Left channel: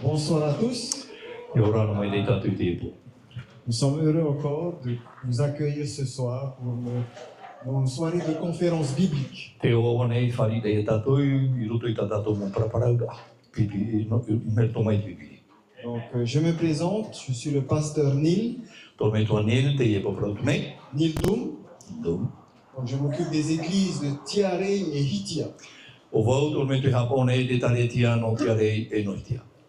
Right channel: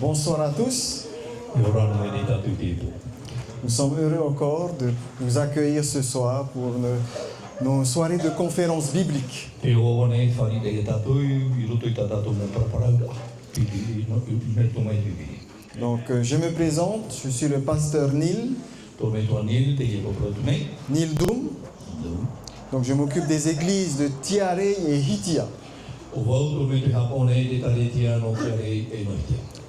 Bonsoir à tous. Nous sommes heureux encore de vous accueillir ce soir pour nos soirées de conférences bibliques. Donc, je me présente, je suis le pasteur Neil Doum. Donc, je m'occupe des églises de Tiare et Hitia.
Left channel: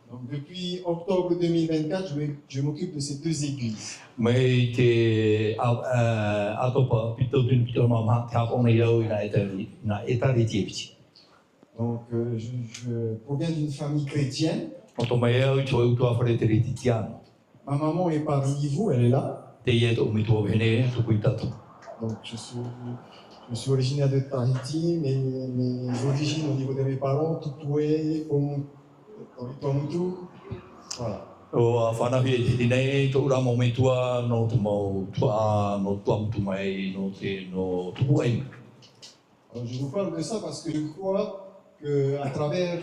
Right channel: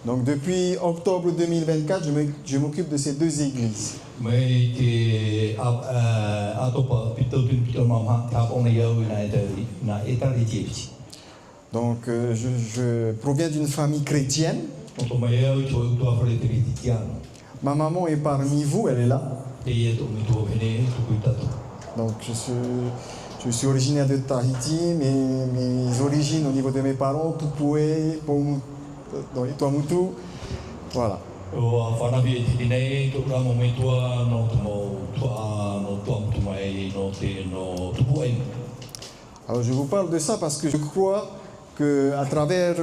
Donc depuis octobre 2024, je m'occupe de ces deux églises. Donc je proviens d'une famille chrétienne. Ma maman est parmi vous, elle est là. Donc je suis originaire de Tahiti, mais mes origines au niveau de mes parents, Tupoué, dans les Tuamutu, voilà. Alors je vous parle de ça parce que je crois qu'à travers,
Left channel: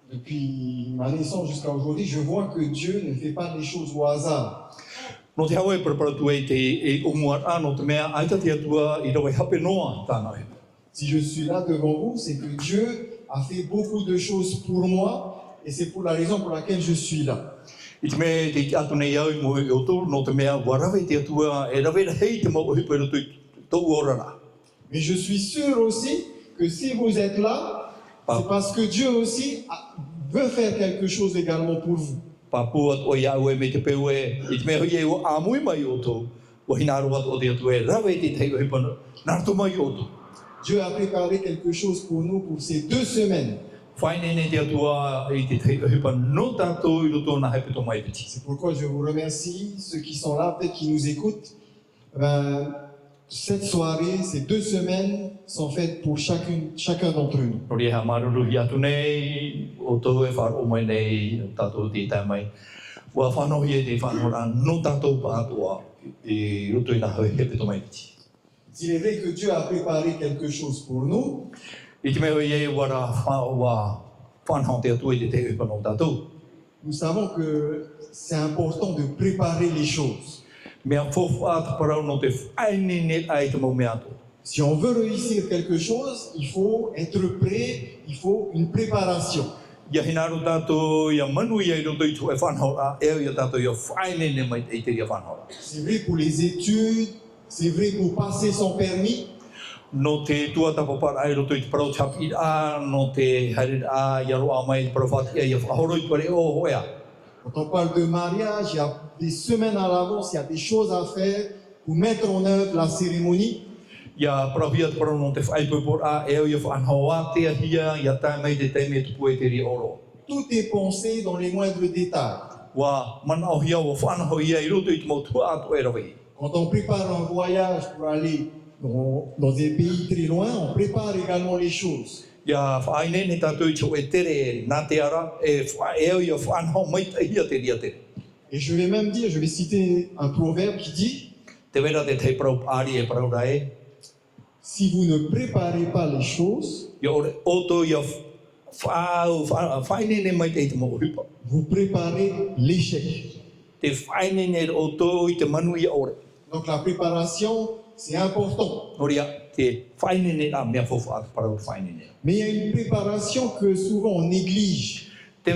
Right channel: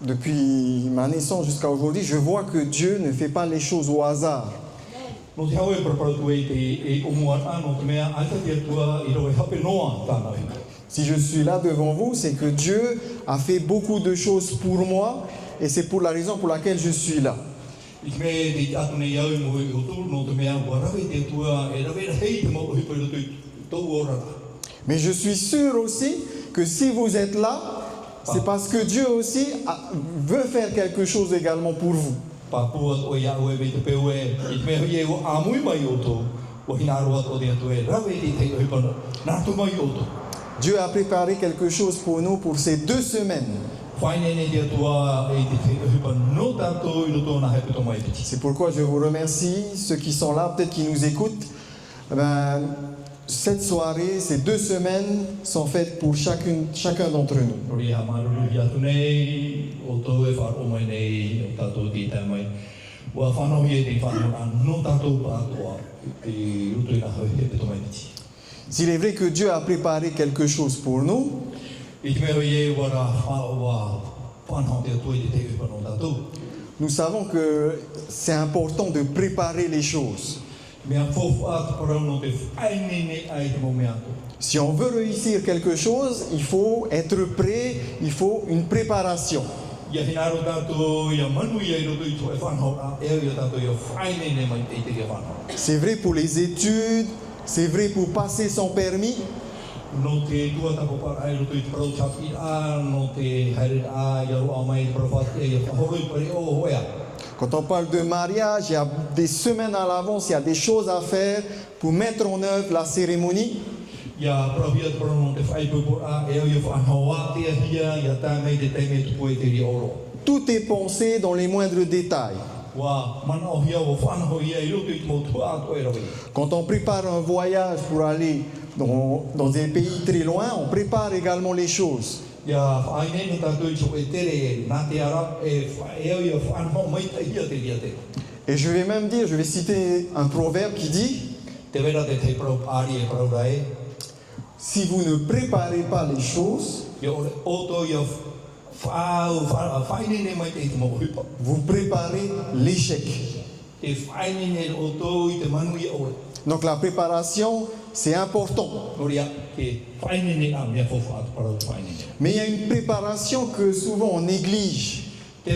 depuis ma naissance jusqu'à aujourd'hui, je vois que Dieu ne fait pas les choses au hasard. Si je suis là devant vous, c'est que Dieu a fait beaucoup de choses pour moi et c'est pour la raison pour laquelle je suis là. Mais je suis sûr aussi que si vous êtes là, c'est parce que Dieu aussi veut faire quelque chose également pour vous. Dieu a préparé quelque chose pour nous pour ces 2 semaines. C'est pourquoi je vous remercie, ceux qui sont là, peut-être qui nous écoutent. Cette soirée, ces 2 semaines sont faites pour chacun d'entre nous. S'il est vrai que Dieu a préparé quelque chose pour nous, nous savons que c'est important de préparer les choses. Si on veut réussir quelque chose, il faut être prêt, il faut une préparation. C'est vrai pour les études, c'est vrai pour passer son permis. Quand on parle de mariage, il y a des semaines à l'avance, il y a des choses à faire pour mettre en œuvre la cérémonie. Tout est pensé dans les moindres détails. Quand on prépare un voyage pour aller dans des pays très loin, on prépare également les choses. Et je vais même dire, je vais citer un proverbe qui dit: si vous ne préparez pas les choses, vous préparez l'échec. Donc la préparation, c'est important. Mais il y a une préparation que souvent on néglige. Vous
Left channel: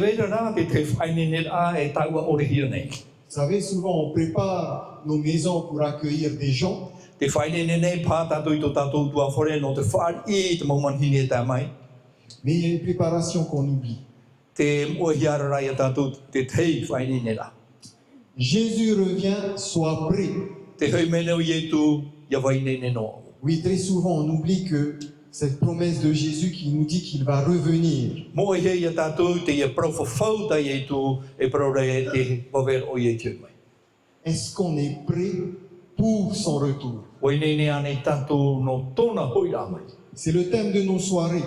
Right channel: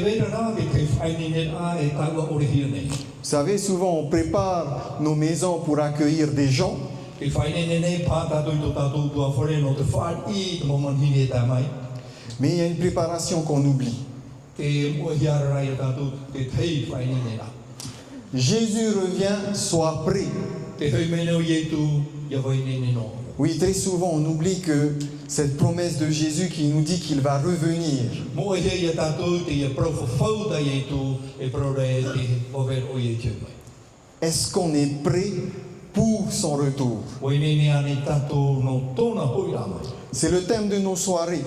savez, souvent on prépare nos maisons pour accueillir des gens. Mais il y a une préparation qu'on oublie. Jésus revient, sois prêt. Oui, très souvent on oublie que cette promesse de Jésus qui nous dit qu'il va revenir. Est-ce qu'on est prêt pour son retour? C'est le thème de nos soirées.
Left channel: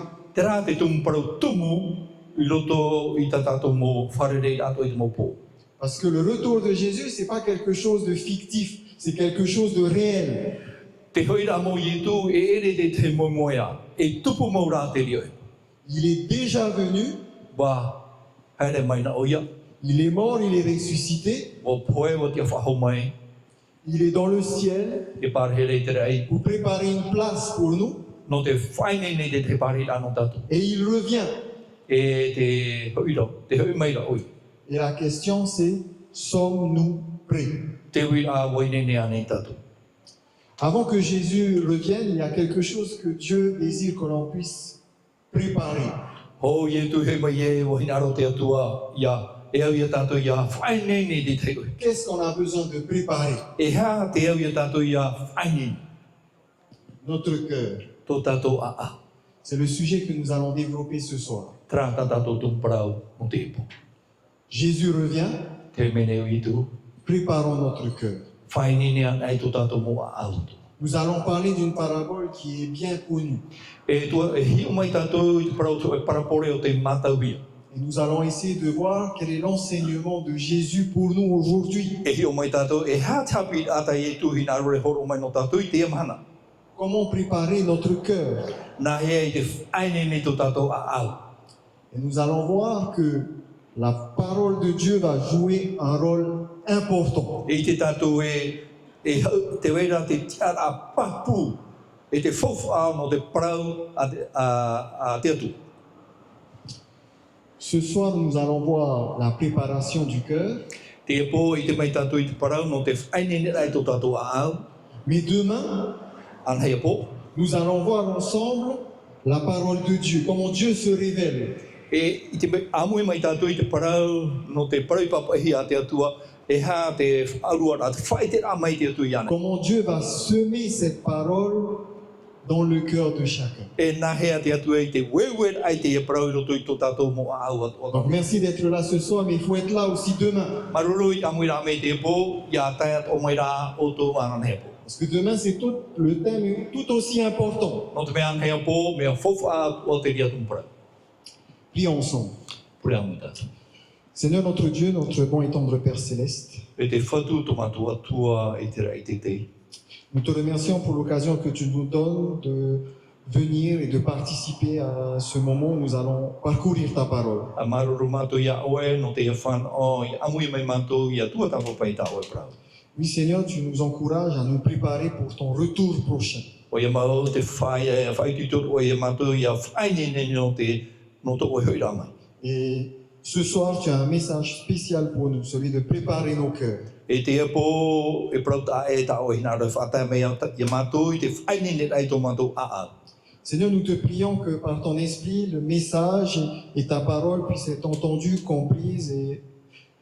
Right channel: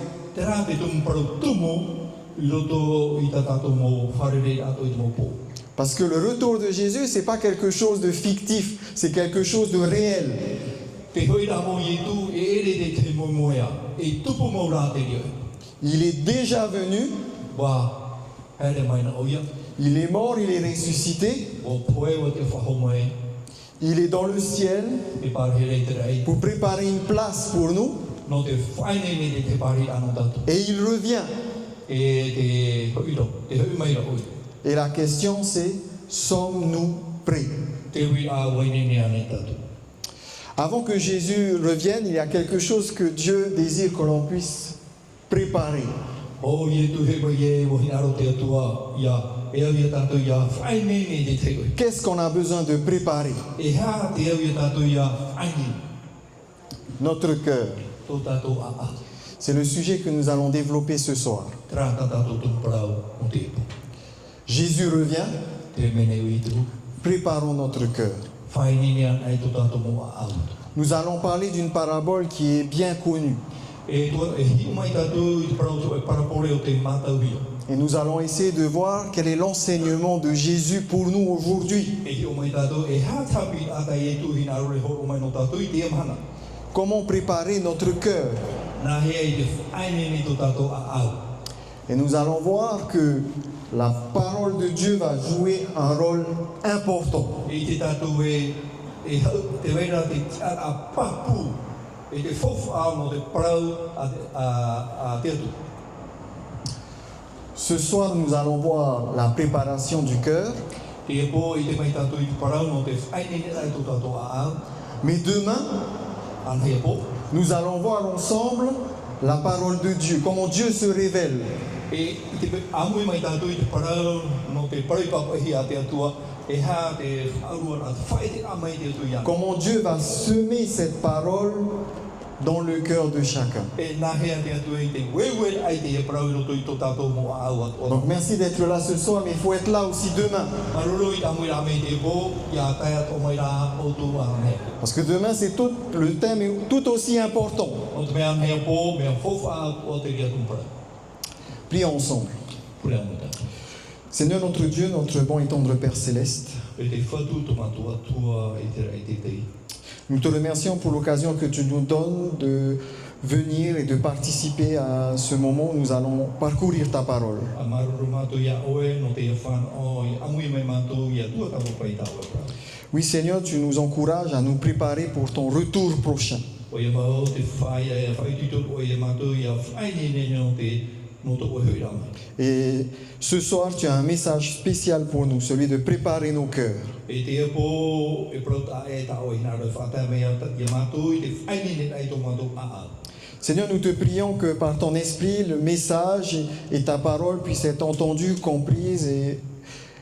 Parce que le retour de Jésus, ce n'est pas quelque chose de fictif, c'est quelque chose de réel. Il est déjà venu. Ele mai na oia. Il est mort, il est ressuscité, O poe o te whaho mai. il est dans le ciel E parhere te rei. pour préparer une place pour nous No te whaine ni te pari anō tatu. et il revient. E te hoiro. Te hoi mai la oi. Et la question c'est, sommes-nous prêts? Te hui a waine ni ane tatu. Avant que Jésus revienne, il y a quelque chose que Dieu désire que l'on puisse préparer. O ye tu he mai e o hinaro te atua ia. E au ia tatu ia whaine ni te te oi. Qu'est-ce qu'on a besoin de préparer? E ha te au ia tatu ia whaine. Notre cœur. Tō tatu a a. C'est le sujet que nous allons développer ce soir. Tra tatu tumprau o te ipu. Jésus revient, Te mene ui tu. préparons notre cœur. Whaine ni anai tō tatu mo a au. Nous allons parler d'une parabole qui est bien connue. E tua e hiu mai tatu i te parau e parapore o te matau hia. Et nous allons essayer de voir quel est l'enseignement de Jésus pour nous aujourd'hui. E hiu mai tatu e ha tapi ata e tu hinaro e horo mai no tatu i te amahana. Comment préparer notre cœur? Nā hea i te whaine ni tō tatu a au. Et nous allons voir que la parole de Dieu va jouer un rôle important. E te tatu e hau te wera te tiara papu. E te fofu au no te parau a te atu. Ce soir, nous allons voir la préparation du cœur. Te e pō i te mai tatu i te parau no te whaine ni rai tō tatu a au. Mais demain, An hea pō. nous allons voir ensemble la parole de Dieu, comment Dieu se révèle. E i te amui mai tatu i te parau no te parau papahi a te atua. E ha te alua a te whaite a mai te atu i ana. Comment Dieu va semer cette parole dans le cœur de chacun. E nā hea te atu e te wewe ai te e parau i roto i tō tātou mo a au atu. Donc merci d'être là ce soir, mais il faut être là aussi demain. Maruru i tamui rā mei te pō, ia tai at o mai rā o tō mana hea. Parce que demain, c'est tout, le thème est tout aussi important. No te mea hea pō, mea fofa o te ria tumpara. Prions ensemble. Pura mo tātou. Seigneur notre Dieu, notre bon et tendre Père Céleste, E te whatu tō matua tua e te rai te tei. nous te remercions pour l'occasion que tu nous donnes de venir et de participer à ce moment où nous allons parcourir ta parole. A maruru mātou ia oe, no te ia whan o, i amui mai mātou ia tua tapo pai tā oe prau. Oui Seigneur, tu nous encourages à nous préparer pour ton retour prochain. O ia mau te whai tutor o ia mātou ia whaine ne no te oe hoi rāmai. Et ce soir, tu as un message spécial pour nous, celui de préparer nos cœurs. E te epo e prau tā e tā o hina rau whātai mei ia mātou i te whaine ne rai tō mātou a au. Seigneur, nous te prions que par ton esprit, le message et ta parole puissent être entendus, comprises et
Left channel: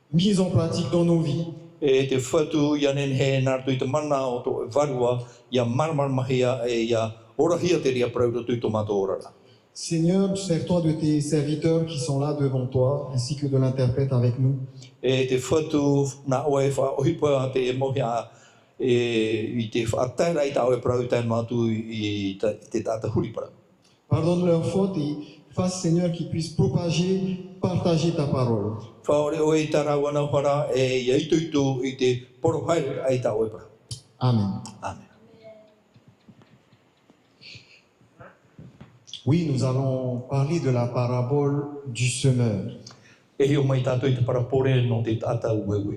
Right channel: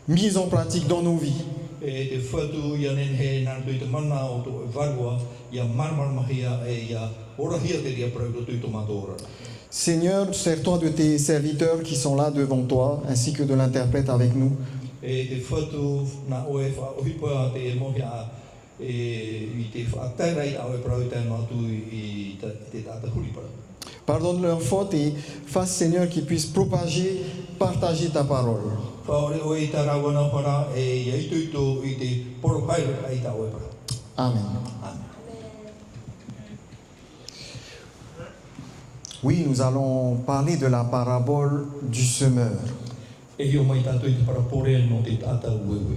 mises en pratique dans nos vies. E te whatu ia nen he nārtu i te mana o tō e varua, ia marmarmahia e ia orahia te ria prau roto i tō mātou orara. Seigneur, sers-toi de tes serviteurs qui sont là devant toi, ainsi que de l'interprète avec nous. E te whatu nā oe whaohipa te mohia i te whaatairai tā oe prau i tai mātou i te tāta huri prau. Pardonne leurs fautes et fasse, Seigneur, qu'ils puissent partager ta parole. Whaore oe i tā rāwana whara e ia ituitu i te porohaere ai tā oe prau. Amen. Amen. Oui, nous allons parler de la parabole du semeur. E hio mai tātou i te parapore no te tāta uewe.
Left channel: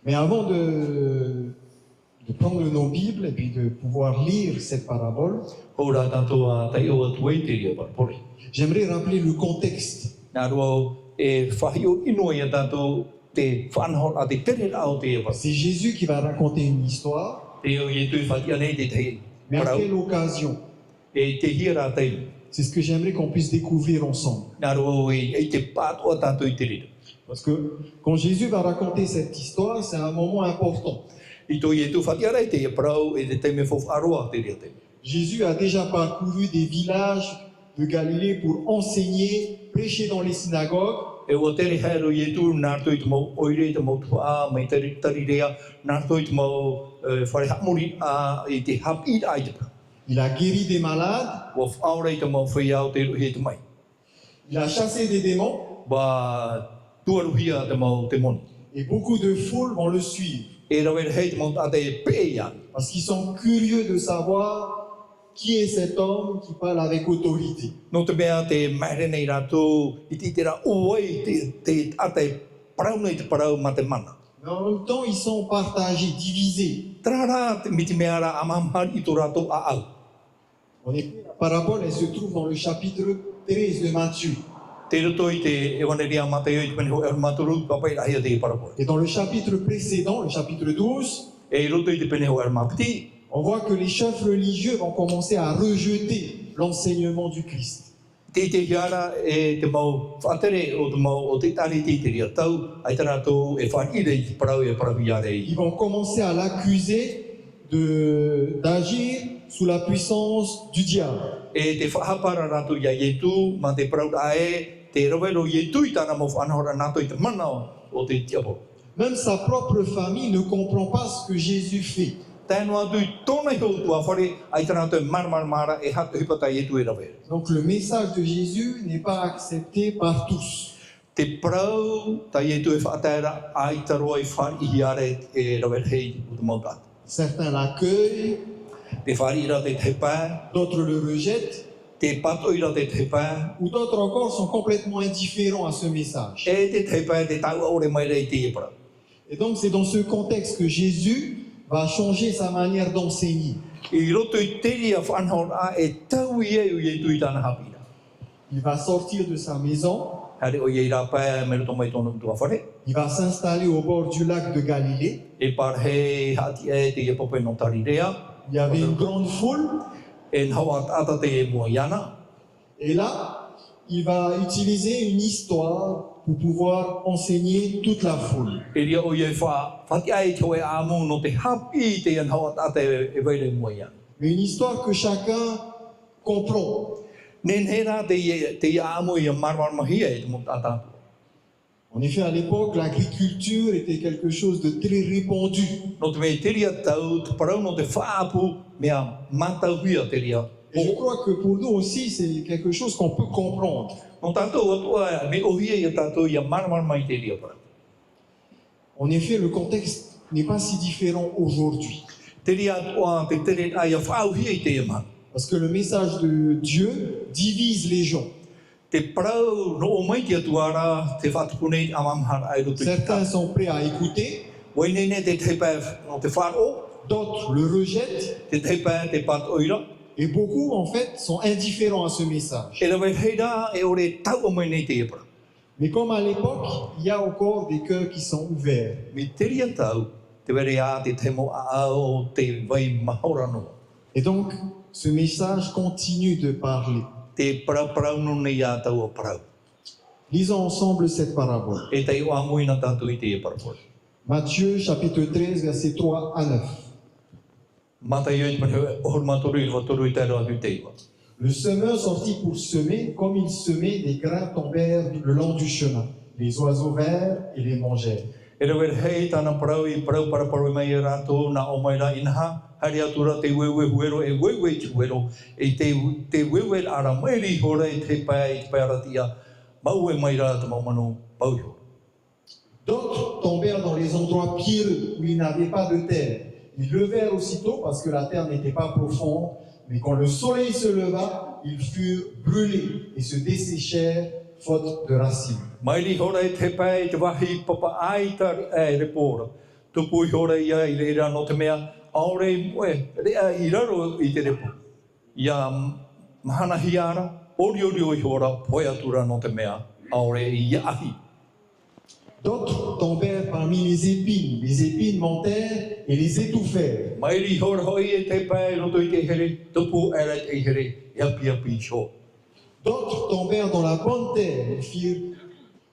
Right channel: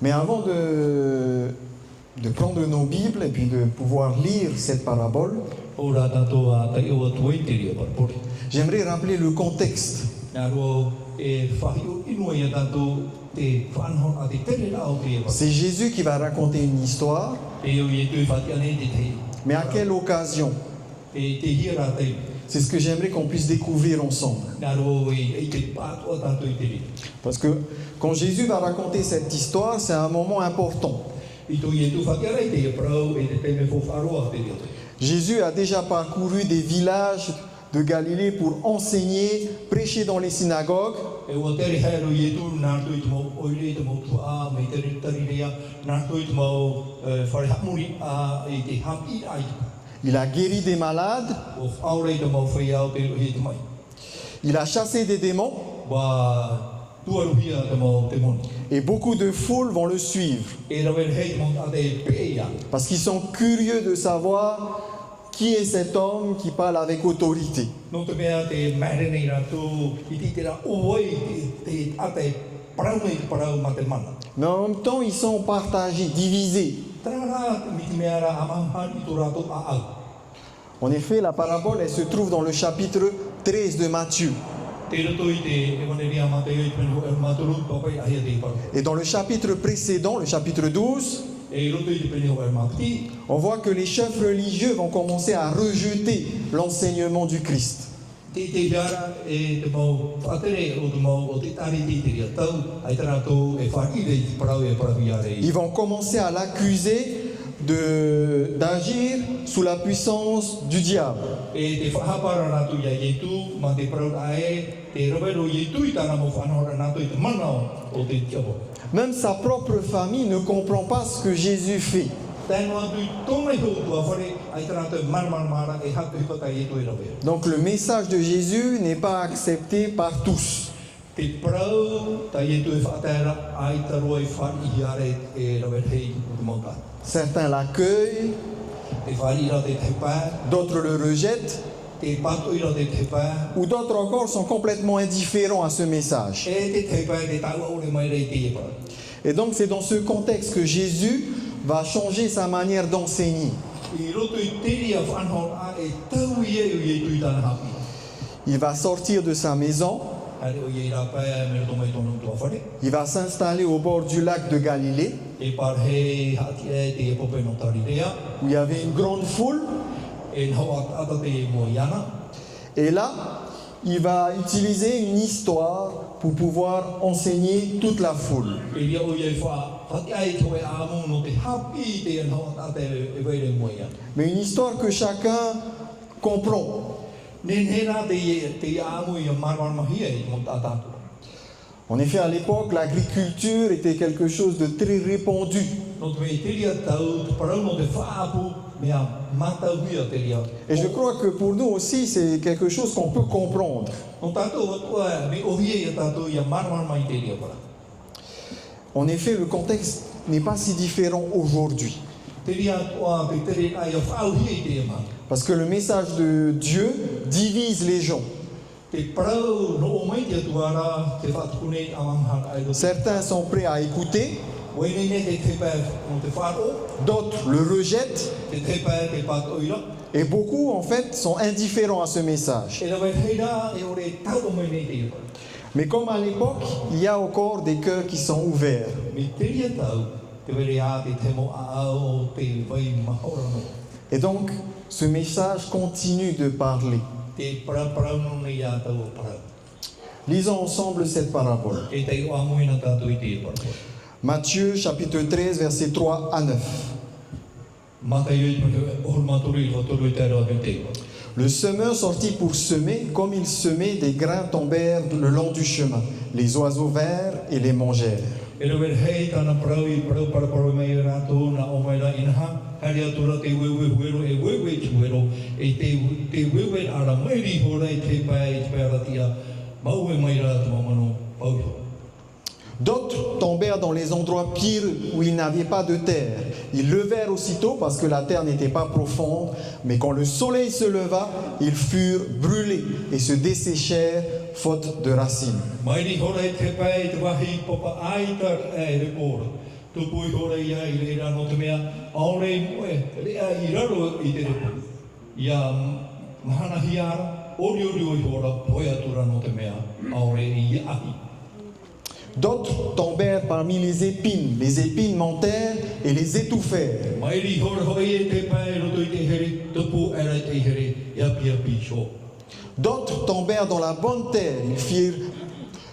Mais avant de prendre nos Bibles et puis de pouvoir lire cette parabole, O rā tātou a tai o atu i te ria parapore. j'aimerais rappeler le contexte. Nā roa e whahio ino ia tātou te whanahon a te pere rā o te ea. C'est Jésus qui va raconter une histoire, E o i tui whatia nei te te. mais à quelle occasion? E te hia rā tei. C'est ce que j'aimerais qu'on puisse découvrir ensemble. Nā roa e te pātua tātou i te ria. Parce que quand Jésus va raconter cette histoire, c'est un moment important. I tō i tū whatia rei te ia parau e te te me whawharoa te ria te. Jésus a déjà parcouru des villages de Galilée pour enseigner, prêcher dans les synagogues. E o tere haero i tū nārtu i te mau oire i te mau tua, mei tari rea, nārtu i te mau whare hapmuri i te hapi ai te. Il a guéri des malades, O whaore i te mau whaiau te ruhi te mai. il a chassé des démons, Wa tuaruhia te mau te moni. et beaucoup de foules vont le suivre. E rawen hei te mau tate pe ia. Parce qu'ils sont curieux de savoir qui est cet homme qui parle avec autorité? No te mea te maere nei rātou i ti te rā uai te ate parau nei te parau ma te mana. Mais en même temps, ils sont partagés, divisés. Tērā rā te miti mea rā amamhari i tō rātou a au. En effet, la parabole, elle se trouve dans le chapitre 13 de Matthieu. Te roto i te ewaneria Mateo i te pene ho e maturu, papai rahia te parapora. Et dans le chapitre précédent, le chapitre 12, E roto i te pene ho e matiti, on voit que les chefs religieux vont commencer à rejeter l'enseignement du Christ. te hiara e te mau whaatere o te mau o te tari te ria tau, ai te rātou e whaire i te parau e parawiare i. Ils vont commencer à l'accuser d'agir sous la puissance du diable. E te whahapara rātou ia ietu, ma te parau ae, te rawero ietu i tāna mau whanahora rātou i te mana o te tiapo. Même sa propre famille ne comprend pas ce que Jésus fait. Tēnu atu i tōna i tōtua whare, ai te rātou mara e hatu hipata ietu e rawero. Donc le message de Jésus n'est pas accepté par tous. Te parau, ta ietu e whaatera, ai te roa i whari are e rawero hei o te mautana. Certains l'accueillent, Te whari ra te te pā, d'autres le rejettent, te pato i ra te te pā, ou d'autres encore sont complètement indifférents à ce message. e te te pā te taua ore mai rei te e para. Et donc c'est dans ce contexte que Jésus va changer sa manière d'enseigner. I roto i teri a whanhon a e tau i e o i tāna hapi. Il va sortir de sa maison, Hare o i rā pā me roto mai tōna tua whare. il va s'installer au bord du lac de Galilée, E par hei hati e te e pope no tarirea, où il y avait une grande foule. e nhawa ata te e mua iana. Et là, il va utiliser une histoire pour pouvoir enseigner toute la foule. E ria o i e wha, hati ai te oe āmu no te hapi te e nhawa ata e waire mua iana. Mais une histoire que chacun comprend. Nenhera te e āmu i a marwar mahia e te mo tātātua. En effet, à l'époque, l'agriculture était quelque chose de très répandu. No te me te ria tau, te parau no te whaapu, mea matauia te ria. Et je crois que pour nous aussi, c'est quelque chose qu'on peut comprendre. No tātou atua, me ohia i a tātou i a marwar mai te ria para. En effet, le contexte n'est pas si différent aujourd'hui. Te ria atua, te tere ai a whaauhia i te ema. Parce que le message de Dieu divise les gens. Te parau no o mai te atuara, te whatukune amamhar ai do. Certains sont prêts à écouter, Wainene te te pā no te wharo, d'autres le rejettent, te te pā te pat oira. et beaucoup en fait sont indifférents à ce message. E rawe heira e ore tau o mai nei te epa. Mais comme à l'époque, il y a encore des cœurs qui sont ouverts. Mi te ria tau, te were a te te mo a ao, te vai mahorano. Et donc, ce message continue de parler. Te parau no nei a tau o parau. Lisons ensemble cette parabole. E te o amuina tātou i te e parau. Matthieu chapitre 13, versets 3 à 9. Mata i pane ohor matoru i waturu i tēnā ke te iwa. Le semeur sortit pour semer, comme il semait, des grains tombèrent le long du chemin. Les oiseaux vinrent et les mangèrent. E rawe hei tāna parau i parau paraparu mai e rātou na o mai rā inaha. Hari atura te wewe huero e wewe te huero. E te wewe ara mairi hora e te pai i te pai aratia. Mau e mai rā te maumano pauhio. D'autres tombèrent dans les endroits pierreux où il n'avait pas de terre. Ils levèrent aussitôt parce que la terre n'était pas profonde, mais quand le soleil se leva, ils furent brûlés et se desséchèrent faute de racines. Mairi hora e te pai te wahi papa aita e re pōra. Tupu i hora ia i reira no te mea, aore i moe, rea i raro i te repu. Ia mahana hiara, ori i hora, poe atura no te mea, aore i ahi. D'autres tombèrent parmi les épines montèrent et les étouffèrent. Mairi hora hoi e te pai roto i te here, tupu era i te here, iapi api sho. D'autres tombèrent dans la bonne terre.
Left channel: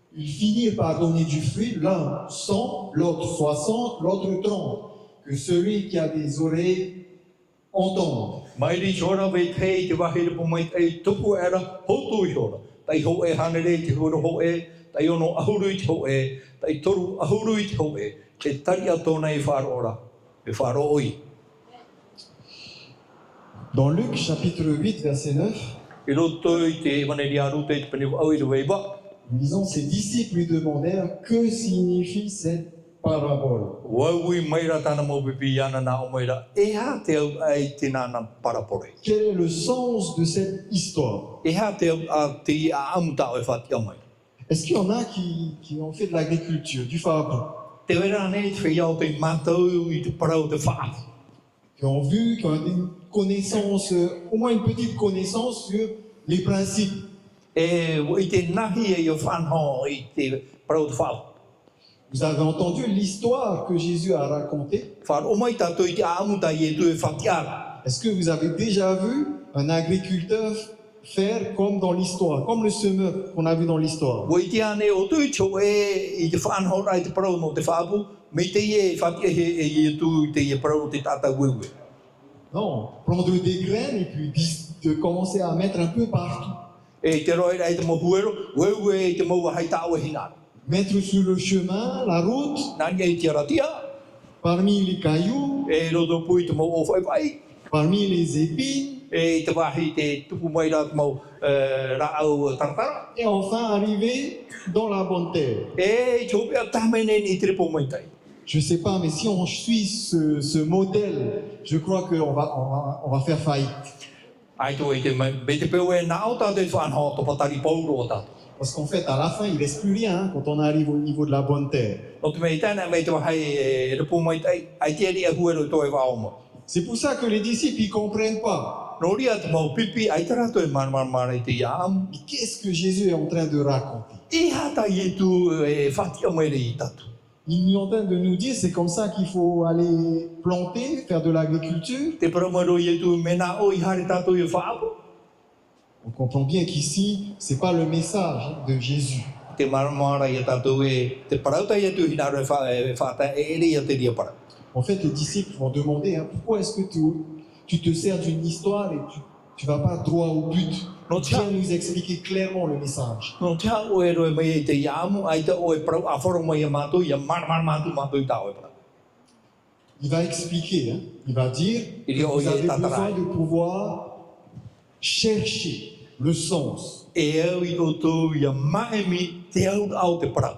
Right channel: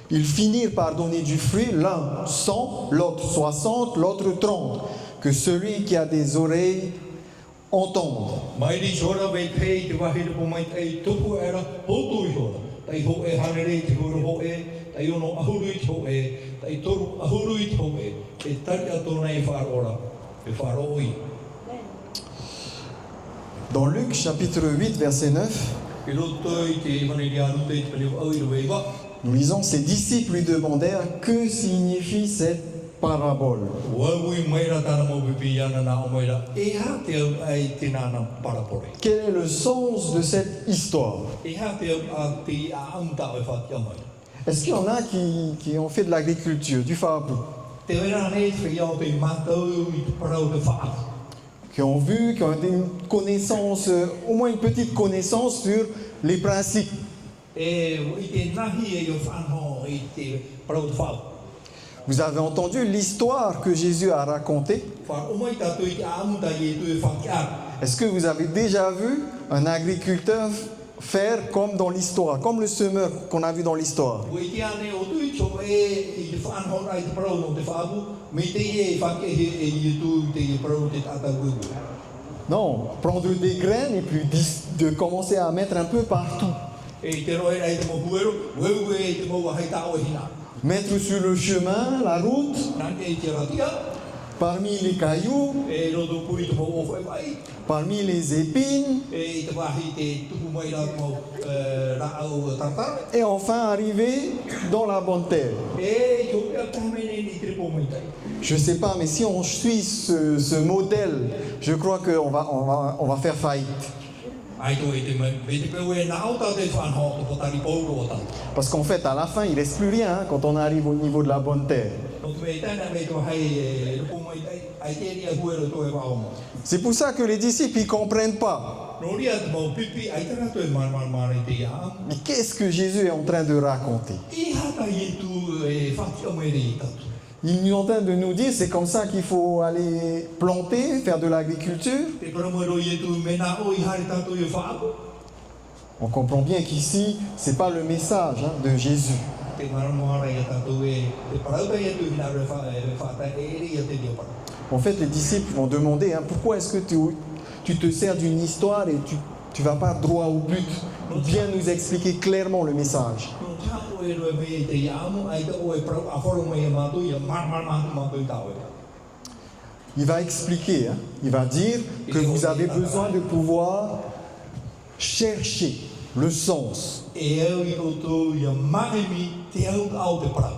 Ils finirent par donner du fruit, l'un 100, l'autre 60, l'autre 30. Que celui qui a des oreilles entende. Mairi hora vei pei te wahi repu mai tei, tupu era hotu i hora. Tai ho e hanere te hura ho e, tai ono ahuru i te ho e, tai toru ahuru i te ho e, te tari atona i whāro e whāro oi. Dans Luc chapitre 8 verset 9, I roto i te waneri aru te pene au i ruweiwa, nous lisons, ses disciples lui demandèrent que signifie cette parabole? Wawi maira tana mo bibi ana na o maira. E ha te au ai tina na parapore. Quel est le sens de cette histoire? E ha te au a te a amuta o e whati o mai. Est-ce qu'il y en a qui ont fait de l'agriculture, du fardeau, Te wera ne te whia o te mātou I te parau te whaati. qui ont vu, qui ont une connaissance, au moins une petite connaissance sur les principes? E I te nahi e o whanho I te parau te whao. Vous avez entendu l'histoire que Jésus a racontée? Whar o mai tātou I te a amuta I e tu e whati ara. Est-ce que vous avez déjà vu un agriculteur faire comme dans l'histoire, comme le semeur qu'on a vu dans l'histoire? Wa I te ane o tu cho e I te whanho rai te parau no te whaapu. Me te e whati e I tu I te e parau te tata wewe. Non, prendre des graines et puis de commencer à mettre un peu partout. E te roi rai te mo huero, wewe e te mo hai tau e hina. Mettre sur le chemin, la route, Nani e te ratia, parmi les cailloux, e rodo pui te mo o whai wai. parmi les épines, E te wahi te tupu mai rā mo rā au taratara. et enfin arriver dans la bonne terre. E te hopea tamene ni te repo mai tai. Je ne sais pas, mais si on suit ce modèle, je crois qu'on va faire faillite. Ai tō I te mai, me te peo e nā auta te whanho to patari pauro o tātou. Parce qu'en fait, à la fin, il ne reste plus rien hein, quand on arrive au niveau de la bonne terre. No te mei tēnā mei te wahai e repo mai tai, ai te ria huero I tō e wāo mo. C'est pour ça que les disciples, ils ne comprennent pas. No ria te mau pipi, ai te rato e marmara I te iam. Mais qu'est-ce que Jésus est en train de raconter? I hata I tu e whati o mai I tātou. Il est en train de nous dire c'est comme ça qu'il faut aller planter, faire de l'agriculture. Te paramaro I tu mena o I hare tātou e whaapu. On comprend bien qu'ici, ce n'est pas le message hein, de Jésus. Te marmara I tātou e te parauta I tu hina re whata e ria te ria para. En fait, les disciples vont demander hein, pourquoi est-ce que tu te sers d'une histoire et tu ne vas pas droit au but. Donc, viens nous expliquer clairement le message. No te ha o e roe mai te iamu, ai te o e parau a whoro mai a mātou, I a mātou I tāo. Il va expliquer, hein, il va dire que vous avez besoin de pouvoir chercher le sens. E au I o tō I a maemi te au te parau.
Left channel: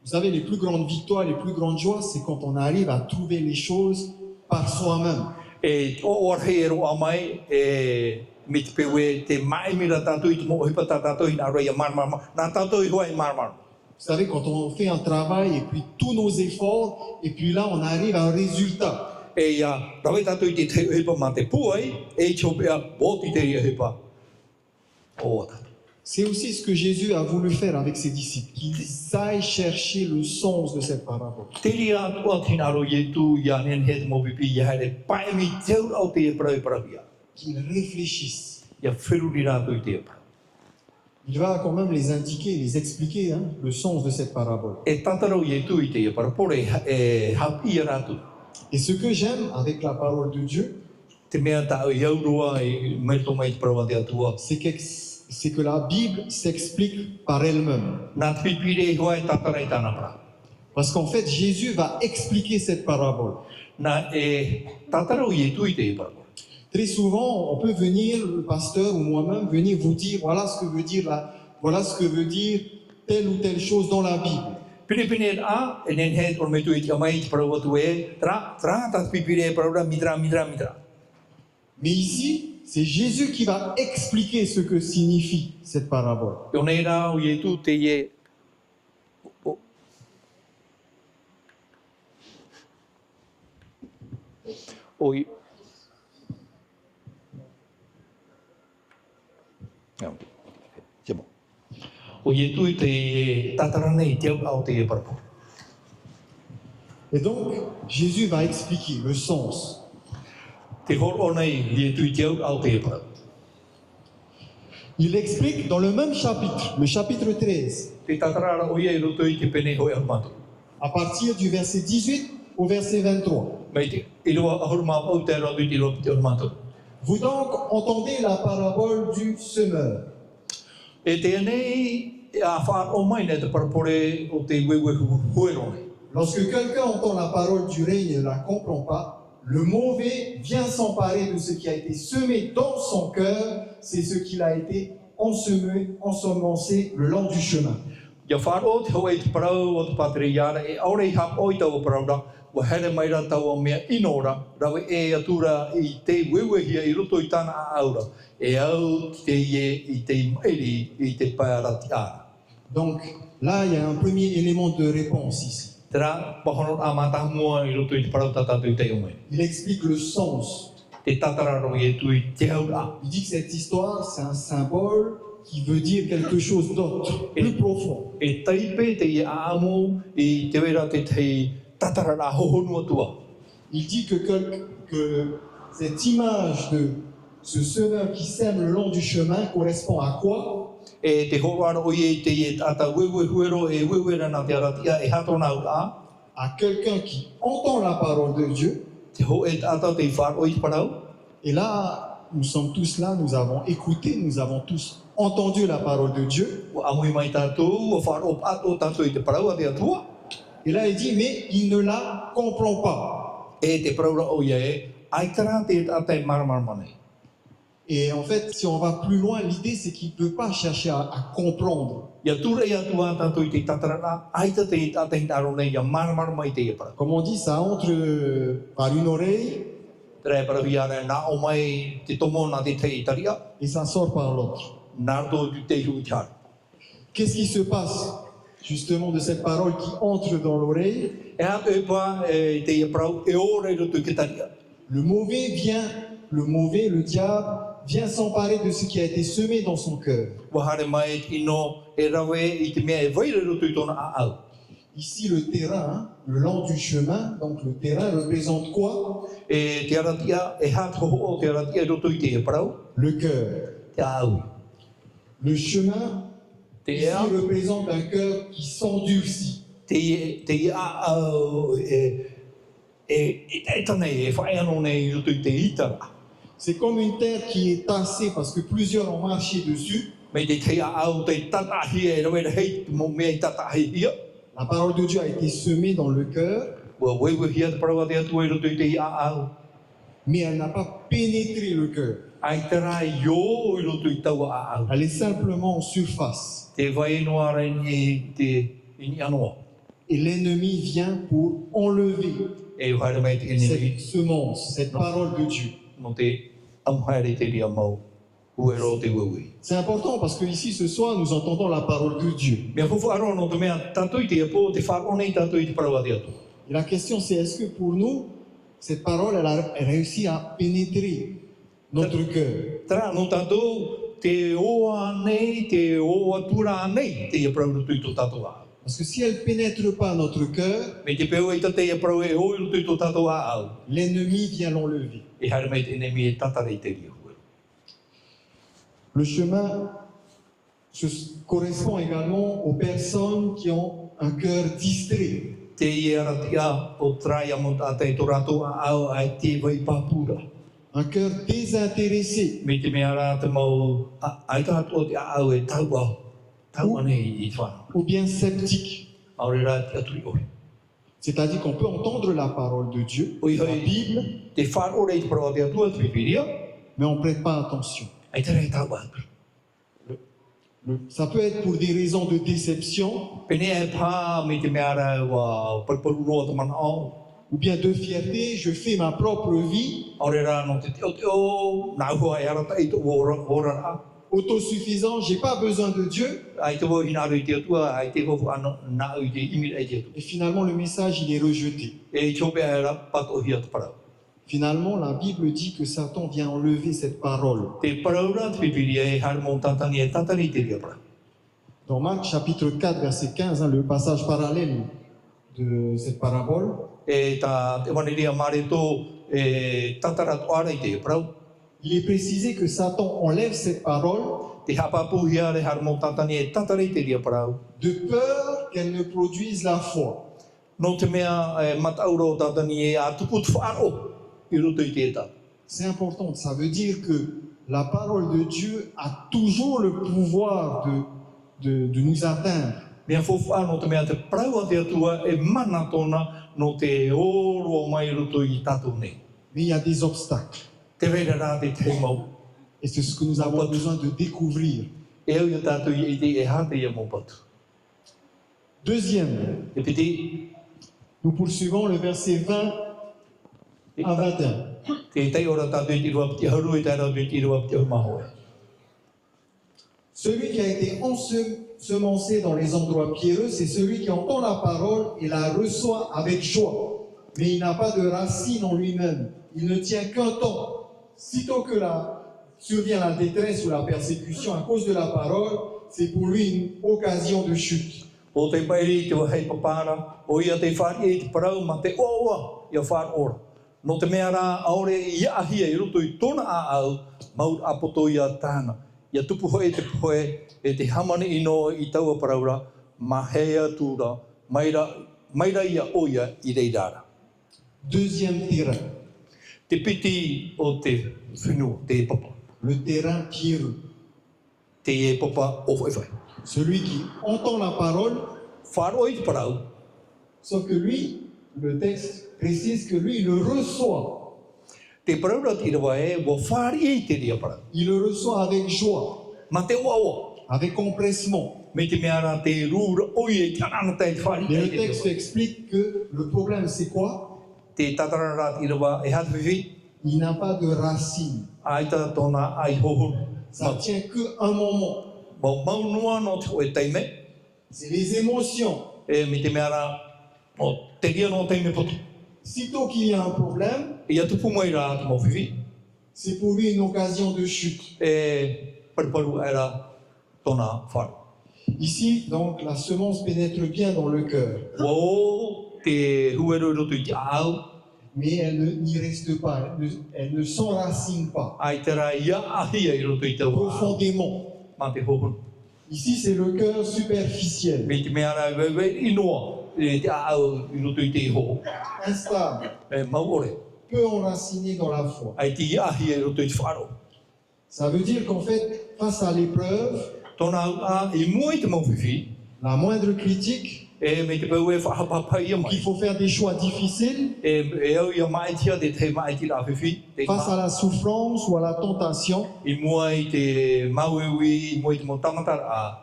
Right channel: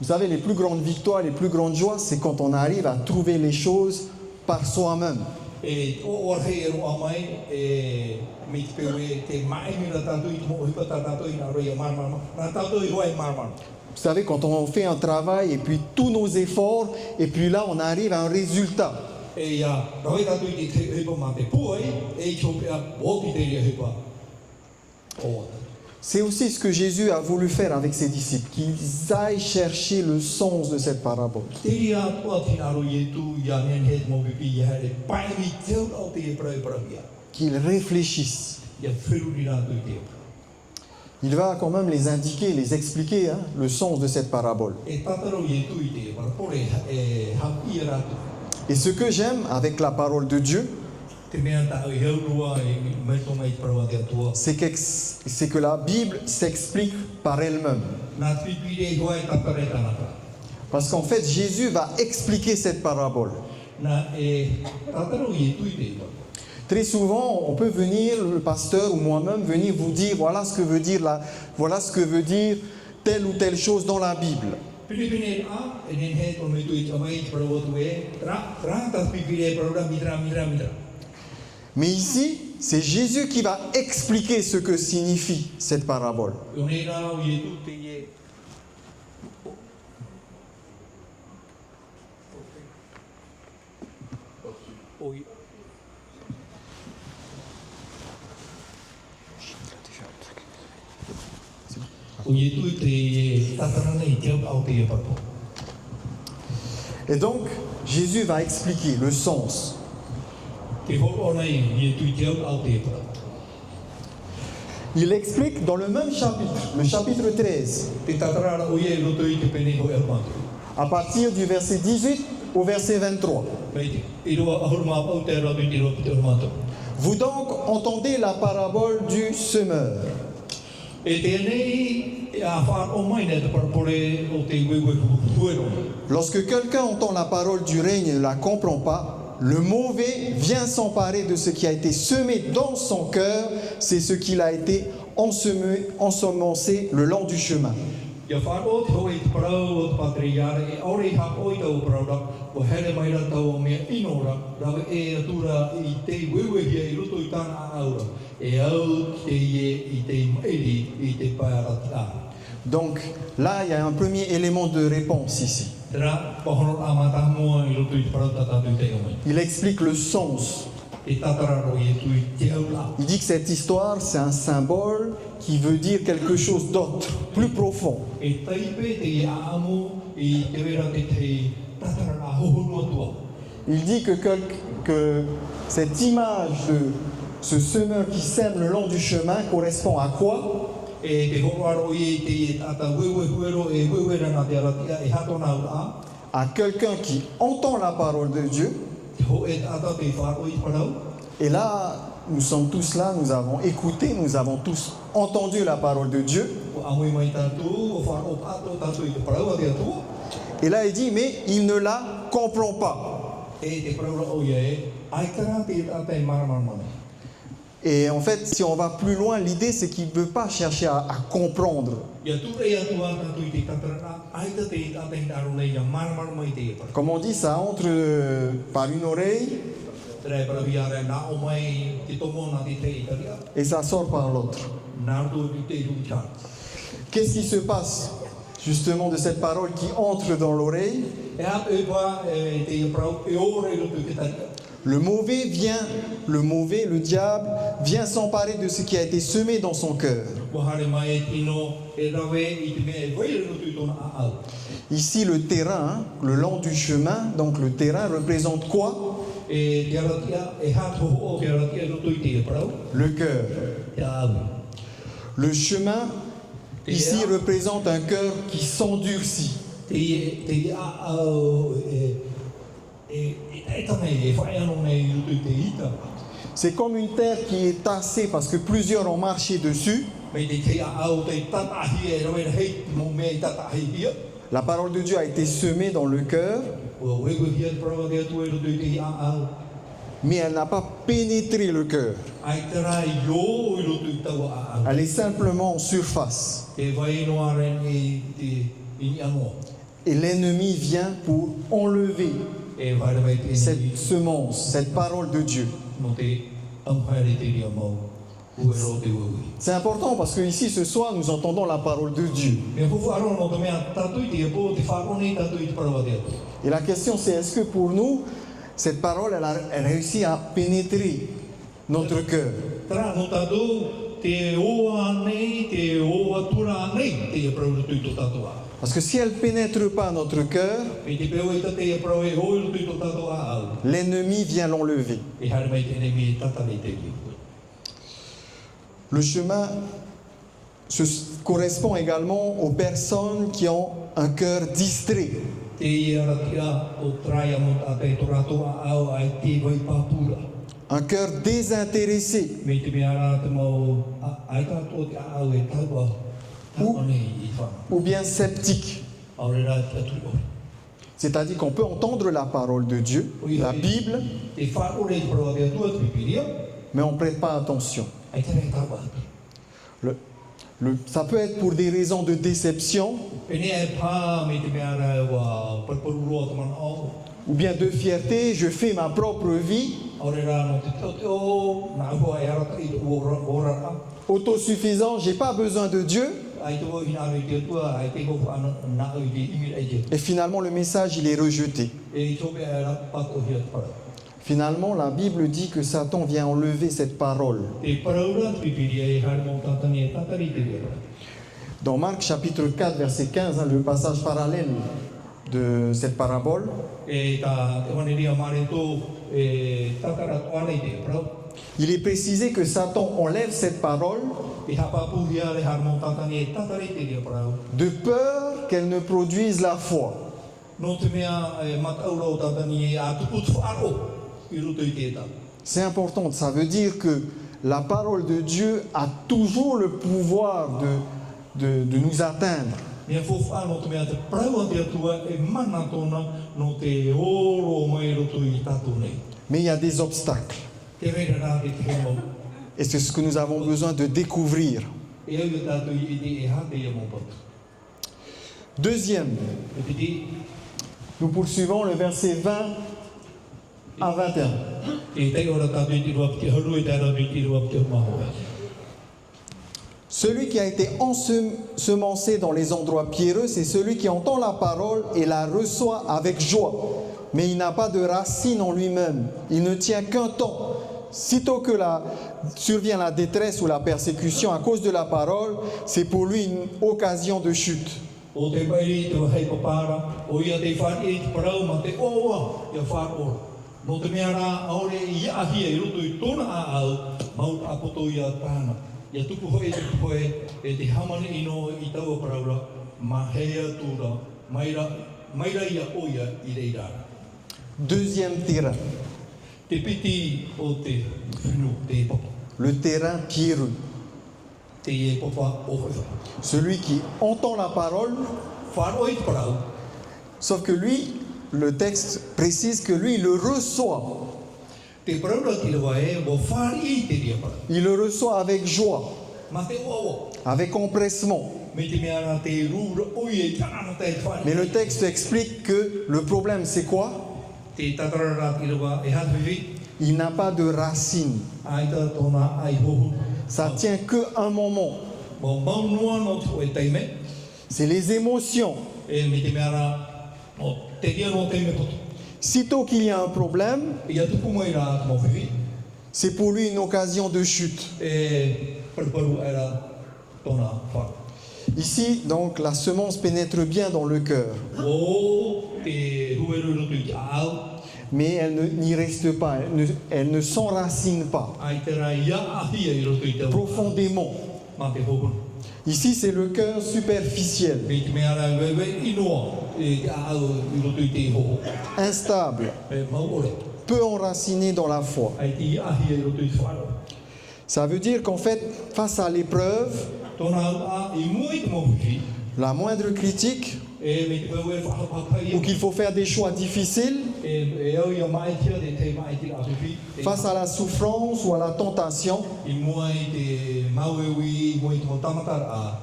Vous savez, les plus grandes victoires, les plus grandes joies, c'est quand on arrive à trouver les choses par soi-même. E o arhei e roa mai, e me te pewe te maemi ra tātou I te mo hipa tātou I nā roi a marmar, nā tātou I hoa e marmar. Vous savez, quand on fait un travail et puis tous nos efforts, et puis là, on arrive à un résultat. E ia, rawai tātou I te hipa ma te puai, e I chopea bōti te ria hipa. O C'est aussi ce que Jésus a voulu faire avec ses disciples, qu'ils aillent chercher le sens de cette parabole. Te ria tua tinaro I tu I a nenhet mo pipi I haere paemi te au te e parau ia. Qu'ils réfléchissent. Ia whiruri rātou I te epra. Il va quand même les indiquer, les expliquer hein, le sens de cette parabole. E tātaro I tu I te epra, pore e hapi rātou. Et ce que j'aime avec la parole de Dieu, Te mea tāu I aurua e merto mai te parau te atua. c'est que la Bible s'explique par elle-même. Nā pipire I hoa e tātarai tāna pra. Parce qu'en fait, Jésus va expliquer cette parabole. Nā e tātarau I tu I te epra. Très souvent, on peut venir, le pasteur ou moi-même, venir vous dire voilà ce que veut dire telle ou telle chose dans la Bible. Pine a, e nenhet o me tu I te amai te parau atu e, tra, tā pipire e parau ra mitra. Mais ici, c'est Jésus qui va expliquer ce que signifie cette parabole. O nei rā o I tu te e. O I tu te e tātara nei te au te e parau. Et donc, Jésus va expliquer le sens. Te horo nei I tu te au te e parau. Il explique dans le même chapitre, le chapitre 13, Te tātara o I roto I te pene hoi au mātou. à partir du verset 18 au verset 23. Mai te, I roa ahuru mā au te roto I roto te mātou. Vous donc entendez la parabole du semeur. E tēnei a whaako mai nei te parapore o te wewe huero. Lorsque quelqu'un entend la parole du règne et ne la comprend pas, le mauvais vient s'emparer de ce qui a été semé dans son cœur, c'est ce qu'il a été ensemencé le long du chemin. Ia whāro te hoa i te parau o te patriara e aore i hap oi tau o parau ra wa here mai ra tau o mea inora rawe e atura i te wewehia i roto i tāna a aura e au te ie i te mairi i te pairati ara. Donc là, il y a un premier élément de réponse ici. Tera, pahono a mata mua i roto i te parau tatatu i te umei. Il explique le sens. E tatararo i e tui te aura. Il dit que cette histoire, c'est un symbole qui veut dire quelque chose d'autre, plus profond. E taipe te ia amo i te wera te te tatarara hohonua tua. Il dit que cette image de ce semeur qui sème le long du chemin correspond à quoi? E te horaro i te i tata wewehuero e wewera na te aratia e hatona ura. À quelqu'un qui entend la parole de Dieu. Te ho e tata te wharo i parau. Et là, nous sommes tous là, nous avons écouté, nous avons tous entendu la parole de Dieu. Amui mai tātou, o wharo ato tātou i te parau a te atua. Et là, il dit, mais il ne la comprend pas. E te paraura o ia e, aitara te tata i maramarmane. Et en fait, si on va plus loin, l'idée c'est qu'il ne veut pas chercher à comprendre. Ia tura i atua tātou i te tatarana, aita te tata i taro nei ia maramarama i te e para. Comme on dit, ça entre par une oreille Tere parawi ara nā o mai te tomo nā te te i taria, et ça sort par l'autre. nā rto tu te hu tāra. Qu'est-ce qui se passe justement de cette parole qui entre dans l'oreille? E a e pa e te e parau e ora i roto ki taria. Le mauvais, le diable, vient s'emparer de ce qui a été semé dans son cœur. Wahare mai ino e rawe i te mea e waira roto i tona a au. Ici, le terrain, le long du chemin, donc le terrain représente quoi? E te aratia, e hato o te aratia roto i te e parau, Le cœur. te aui. Le chemin, ici, représente un cœur qui s'endurcit. Te a au e tane e whai anō nei roto i te ita. C'est comme une terre qui est tassée parce que plusieurs ont marché dessus. Me te te a au te tatahi e roe hei mo mea i tatahi ia. La parole de Dieu a été semée dans le cœur, Ua wewe hia te parau te atu e roto i te a au. mais elle n'a pas pénétré le cœur. Ai tara i o i roto i tau a au. Elle est simplement en surface. Te vai noa rai e te ini anoa. Et l'ennemi vient pour enlever E whaere mai te cette eneri semence, cette parole de Dieu. no te amuhaere te ria mau. Uero te wewe. C'est important parce que ici ce soir nous entendons la parole de Dieu. Mea fufu aro no te mea tātou i te apo, te whako nei tātou i te parau te atu. Et la question c'est est-ce que pour nous, cette parole elle réussit à pénétrer notre cœur? Tara no tātou te oa nei, te oa tura nei te ia parau roto i tō tātou a. Parce que si elle ne pénètre pas notre cœur, Me te peo i tate ia parau e o i roto i tō tātou a au. l'ennemi vient l'enlever. E haere mai te enemi e tatare i te ria. Le chemin correspond également aux personnes qui ont un cœur distrait. Te iaratia o traia mo tātai tō rātou a au ai te vai pāpura. Un cœur désintéressé. Me te mea rā te mau ai tātou te a au e tau au. Tau anei i whāna. Ou bien sceptique. Aore rā te atu i ori. C'est-à-dire qu'on peut entendre la parole de Dieu, la Bible, Te whāro rei te parau te atua te pipiria, mais on ne prête pas attention. ai te rei tau atu. Ça peut être pour des raisons de déception, Pene e pā me te mea rā wa parparu roa te mana au. ou bien de fierté, je fais ma propre vie, Aore rā no te teo, nā hua e harata i tō hora rā. autosuffisant, j'ai pas besoin de Dieu. Ai te wau hina rei te atua, ai te wau ana nā au i te imira e te. Et finalement, le message, il est rejeté. E chope ai rā pato hia te parau. Finalement, la Bible dit que Satan vient enlever cette parole. Te parau rā te pipiria e hare mō tātangi e tātari te ria parau. Dans Marc chapitre 4, verset 15, le passage parallèle de cette parabole, E tā te waneria mare tō e tātara toara i te parau. il est précisé que Satan enlève cette parole Te hapapu hia re hare mō tātangi e tātari te ria parau. de peur qu'elle ne produise la foi. No te mea e matauro tātangi e a tupu tu whāro i roto i te tā. C'est important, ça veut dire que la parole de Dieu a toujours le pouvoir de nous atteindre. Mea whowha no te mea te parau a te atua e mana tōna no te oro mai roto i tātou nei. Mais il y a des obstacles. Te reira rā te te mau. Et c'est ce que nous avons besoin de découvrir. E au i tātou i te e hate ia mō patu. Deuxième, E piti, nous poursuivons le verset 20 à 21. e tai ora tātou i rua piti hauru, e tai rau i rua piti maho. Celui qui a été ensemencé dans les endroits pierreux, c'est celui qui entend la parole et la reçoit avec joie. Mais il n'a pas de racine en lui-même. Il ne tient qu'un temps. Sitôt que survient la détresse ou la persécution à cause de la parole, c'est pour lui une occasion de chute. O te pairi te wahei papara, o ia te whari e te parau ma te oa ia whāora. No te mea rā, aore i ahia i roto i tōna a au, maut apoto ia tāna. Ia tupu hoi te puhoe, e te hamane ino i taua paraura, ma hea tūra, maira ia oia i reirara. Deuxième terrain, Te piti o te whenu, te e papa. le terrain pierreux. Te e papa o whaiwhai. Celui qui entend la parole, Whāroa i te parau, sauf que lui, le texte précise que lui, il le reçoit. te paraura ti rawa e, wa whāri i te ria parau. Il le reçoit avec joie, Ma te oa, avec empressement. me te mea rā te rūra oi e tāna tai whāri. Mais le texte explique que le problème, c'est quoi? Te tatara rā ti rawa e hātawhiwi, Il n'a pas de racine. aita tōna ai hoho. Ça tient qu'un moment. Mau maunua no te koe teime, C'est les émotions. e me te mea rā, o te ria no teime poto. Sitôt qu'il y a un problème, Ia tupu mai rā te mawhiwi, c'est pour lui une occasion de chute. e paruparu e rā tōna whāru. Ici, donc, la semence pénètre bien dans le cœur, O te huero i roto i te au, mais elle n'y reste pas, elle ne s'enracine pas ai te rā ia ahia i roto i te au, profondément. ma te hoho. Ici, c'est le cœur superficiel, Me te mea rā wewe inoa, e te au i roto i te hoho. instable, E mau ore, peu enraciné dans la foi. ai te ia ahia i roto i te whāro. Ça veut dire qu'en fait, face à l'épreuve, Tōna au a i mua i te mawhiwi, la moindre critique, e me te pau e whahapapa i donc il mai. faut faire des choix difficiles, E au ia maetia te te maeti rā whiwhi, face à la souffrance ou à la tentation, i mua i te mauewi, i mua i te motamatara a,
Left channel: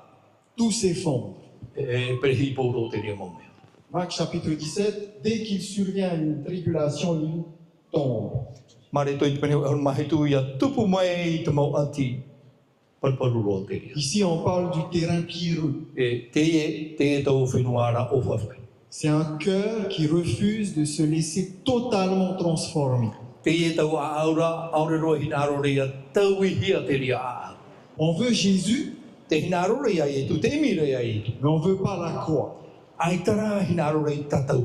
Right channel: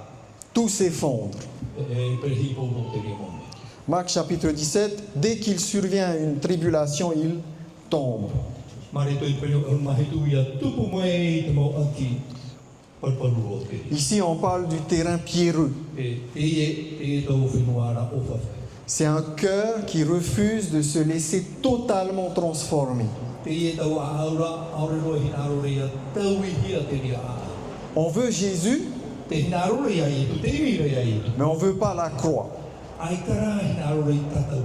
tout s'effondre. e perehi pōro te ria mone. Marc chapitre 17, dès qu'il survient une tribulation, il tombe. Mare toi i te pene au mahitu ia tupu mai i te mau ati, parparu ro te. Ici, on parle du terrain pierreux. E te e tau whenua o whawhai. C'est un cœur qui refuse de se laisser totalement transformer. Te e tau a aure roa hina arore ia tau i hia te ria a. On veut Jésus, Te hina arore ia i tu, te mire ia i tu. mais on ne veut pas la croix. Ai tara hina arore i tatau.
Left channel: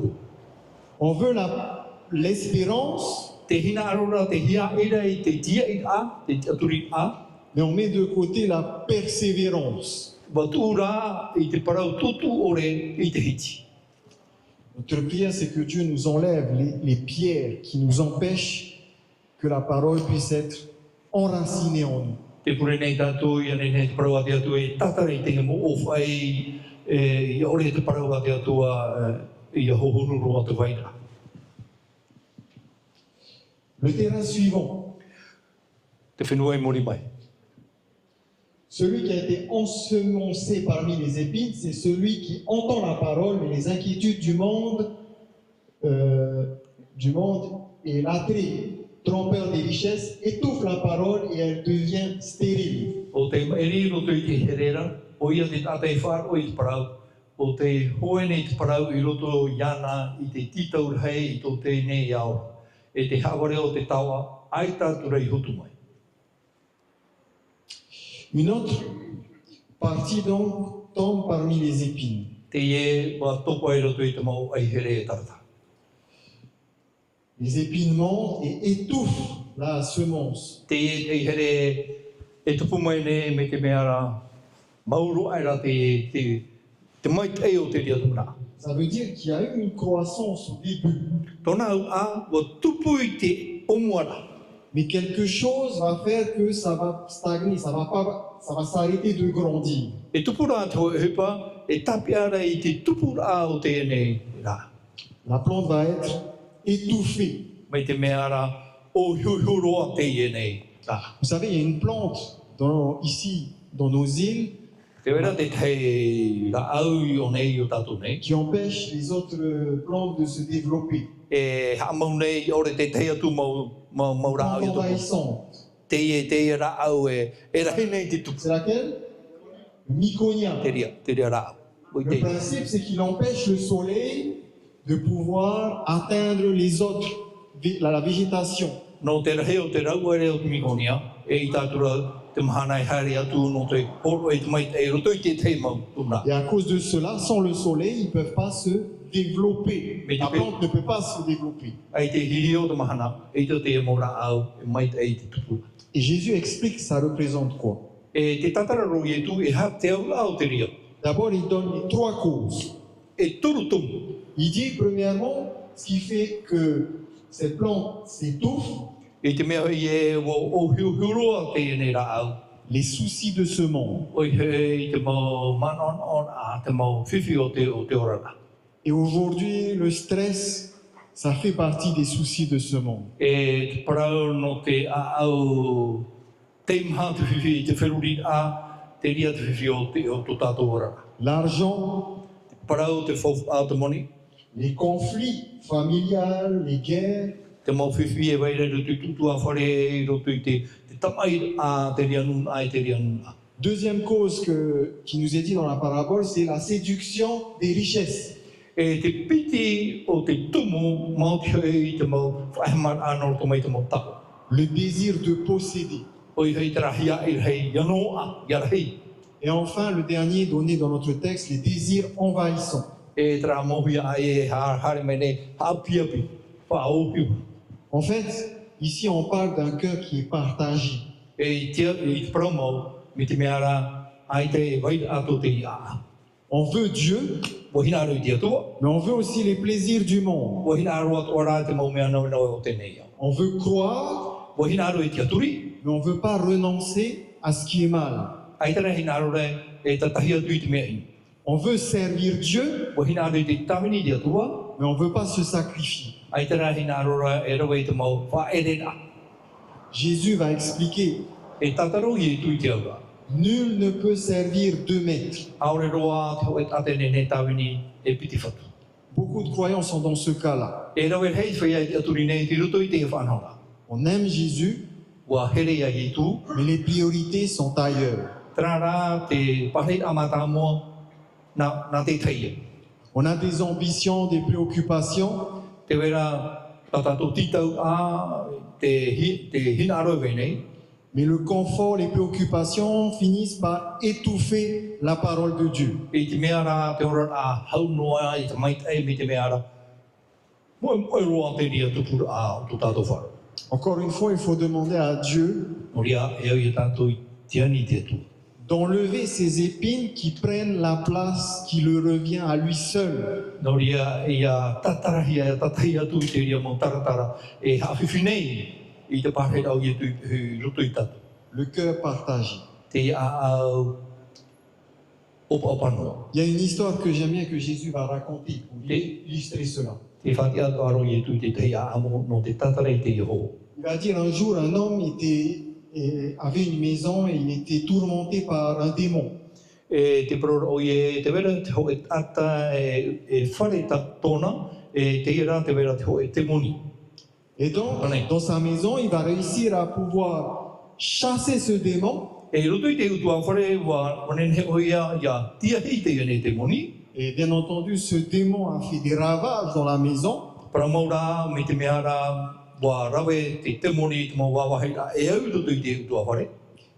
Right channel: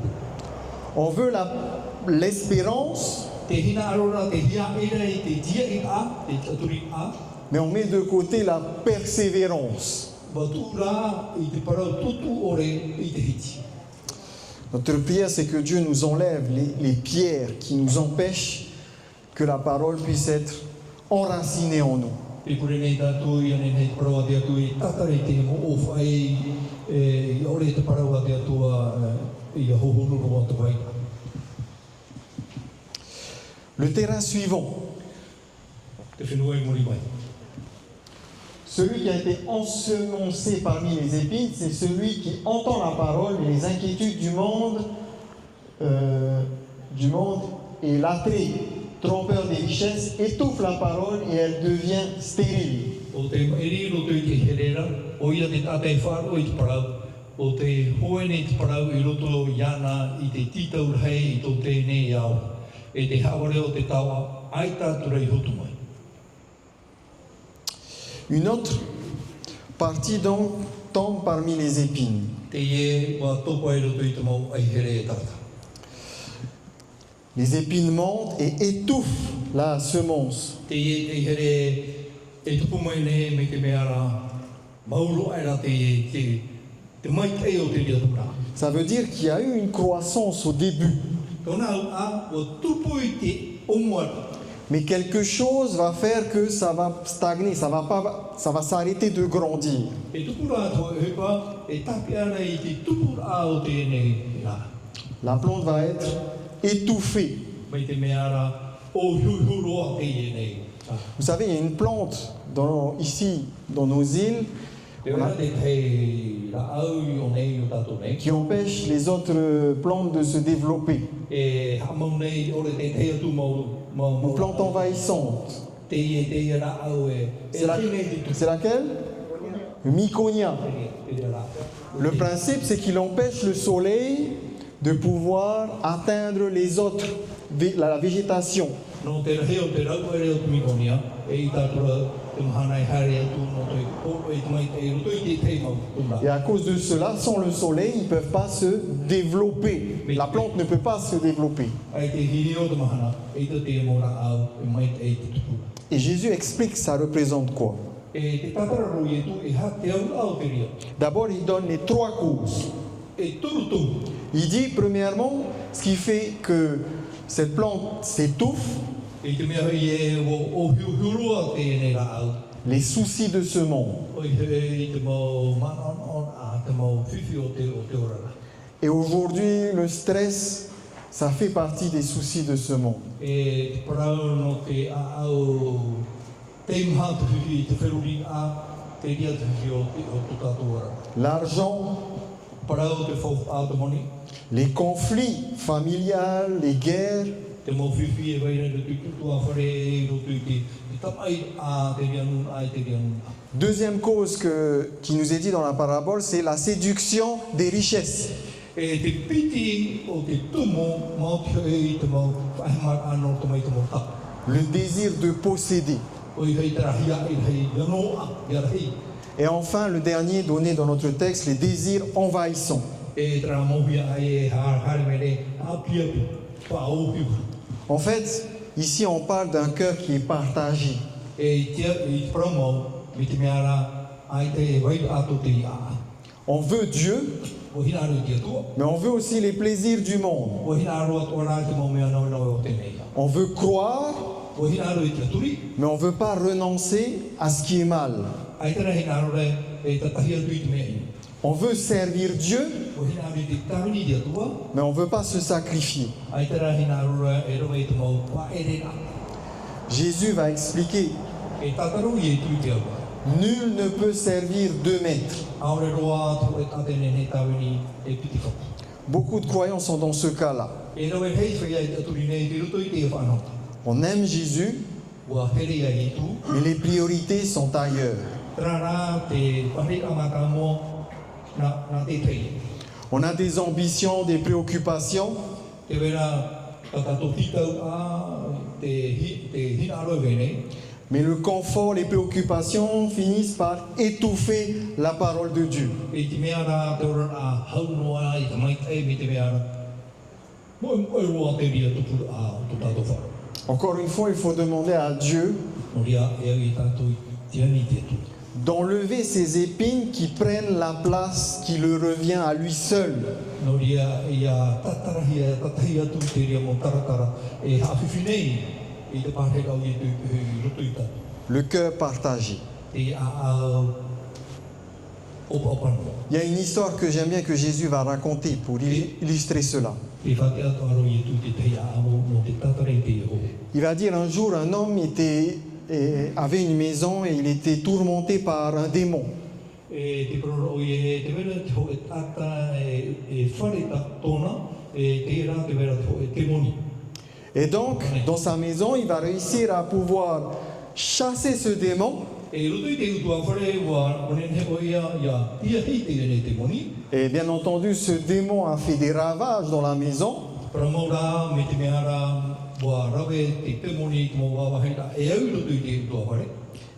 On veut l'espérance, Te hina arora, te hia ira i te tia i a, te aturi a. mais on met de côté la persévérance. Batura i te parau tutu ore i te hiti. Notre prière, c'est que Dieu nous enlève les pierres qui nous empêchent que la parole puisse être enracinée en nous. Te pure nei tātou i ane nei te parau ati atua i tatara i te mo o whai i ore te parau ati atua i a hohururu atu waina. Le terrain suivant, Te whenua i mori mai. celui qui a été ensemencé parmi les épines, c'est celui qui entend la parole, mais les inquiétudes du monde et l'attrait trompeur des richesses étouffent la parole et elle devient stérile. O te eri roto i te herera, o ia te tātai whāro i te parau, o te hoene i te parau i roto i ana i te titau hei i tō tēnei au. E te haware o te tawa, ai tātura i hutu mai. Une autre partie donc tombe parmi les épines. Te ie wa toko e roto i te mau ai here e tata. Les épines montent et étouffent la semence. Te ie te here e tupu mai ne me te mea rā, mauru ai rā te mai tei o te ria tamara. Ça veut dire qu'il y a eu une croissance au début, Tōna au a, wa tupu i te onguara. mais quelque chose va faire que ça va stagner, ça va s'arrêter de grandir. E tupu rā tau e hepa, e tapi ara i te tupu rā o te ene rā. La plante va être étouffée. Mai te mea rā, o hiuhiuroa te ene rā. Vous savez, il y a une plante ici, dans nos îles, Te wera te tei la au I o nei o tātou nei. qui empêchent les autres plantes de se développer. E ha mau nei ore te tei atu mau Une ra plante envahissante. te ra au e ra nei te tu. C'est laquelle? Le myconia. Te ria ra. Le principe, c'est qu'il empêche le soleil de pouvoir atteindre les autres, la végétation. No te rahe o te rau ere o te mikonia, e I tātura te mahana I haere atu no te horo e te mai te roto I te te mau tuna. Et à cause de cela, sans le soleil, ils ne peuvent pas se développer. La plante ne peut pas se développer. Ai te hiri o te mahana, e te mau ra au, e mai te te tupu. Et Jésus explique que ça représente quoi. E te tatararo I tu e ha te au au te ria. D'abord, il donne les trois causes. E turu tumu. Il dit, premièrement, ce qui fait que cette plante s'étouffe, E te mea I e o hiuhiuroa te nei ra au. les soucis de ce monde. O I te mau manon on a te mau whiwhi o te orana. Et aujourd'hui, le stress, ça fait partie des soucis de ce monde. E te parau no te a au te maha te whiwhi I te wheruri a te ria te whiwhi o tō tātou orana. L'argent, Parau te whau a te moni, les conflits familiales, les guerres, te mau whiwhi e waire do tutu a whare e roto I te tamai a te ria nun a te ria nun. Deuxième cause qui nous est dit dans la parabole, c'est la séduction des richesses. E te piti o te tumu mau te I te mau whaimar anor to mai te mau tapu. Le désir de posséder. O I hei te rahia I hei yano a, yarahei. Et enfin, le dernier donné dans notre texte, les désirs envahissants. E te rā mohia a e hare mene hapiapi, whaopiu. En fait, ici on parle d'un cœur qui est partagé. E I te promo, mi te meara, ai te wai ato te ia. On veut Dieu, Wahina aru I te atua, mais on veut aussi les plaisirs du monde. wahina aru atu ora te mau mea nau nau o te nei. On veut croire, Wahina aru I te aturi, mais on ne veut pas renoncer à ce qui est mal. ai te rehi naro re, e ta tahi atu I te mea I. On veut servir Dieu, Wahina aru I te tamini te atua, mais on ne veut pas se sacrifier. ai te rehi naro re, e rawa I te mau whaerera. Jésus va expliquer, E tataru I tu I te aua. nul ne peut servir deux maîtres. Aore roa te oe tatene ne tawini e piti whaka. Beaucoup de croyants sont dans ce cas-là. E rawa hei whai ai aturi nei, ki roto I te e whanau. On aime Jésus, Wa here ia I tu, mais les priorités sont ailleurs. Trara te pahi amata mo na te teie. On a des ambitions, des préoccupations, Te wera tatato titau a te hina aro nei. mais le confort, les préoccupations finissent par étouffer la parole de Dieu. E te mea rā te ora a hau noa I te mai tai me te mea rā. Moe roa te ria tupura a o tō tātou whara. Encore une fois, il faut demander à Dieu Moria e au I tātou I te ani te tu. d'enlever ces épines qui prennent la place qui le revient à lui seul. Noria e a tatarahia, tatahi atu I te ria mo taratara. E hawhiwhi nei I te pāhe rau I tu roto I tātou. Le cœur partagé. Te a au opa opanoa. Il y a une histoire que j'aime bien que Jésus va raconter pour illustrer cela. Te whaki atu aro I tu te te a amo no te tatarei te Yehova. Il va dire un jour, un homme avait une maison et il était tourmenté par un démon. E te proro o I te wera te ho e tata e whare ta tōna, e te ira te wera te ho e te moni. Et donc, dans sa maison, il va réussir à pouvoir chasser ce démon. E roto I te utua whare wa manene o ia tia hei te ane te moni. Et bien entendu, ce démon a fait des ravages dans la maison. Para maura me te mea rā wa rawe te moni te mau wawahei rā e au roto I te utua whare.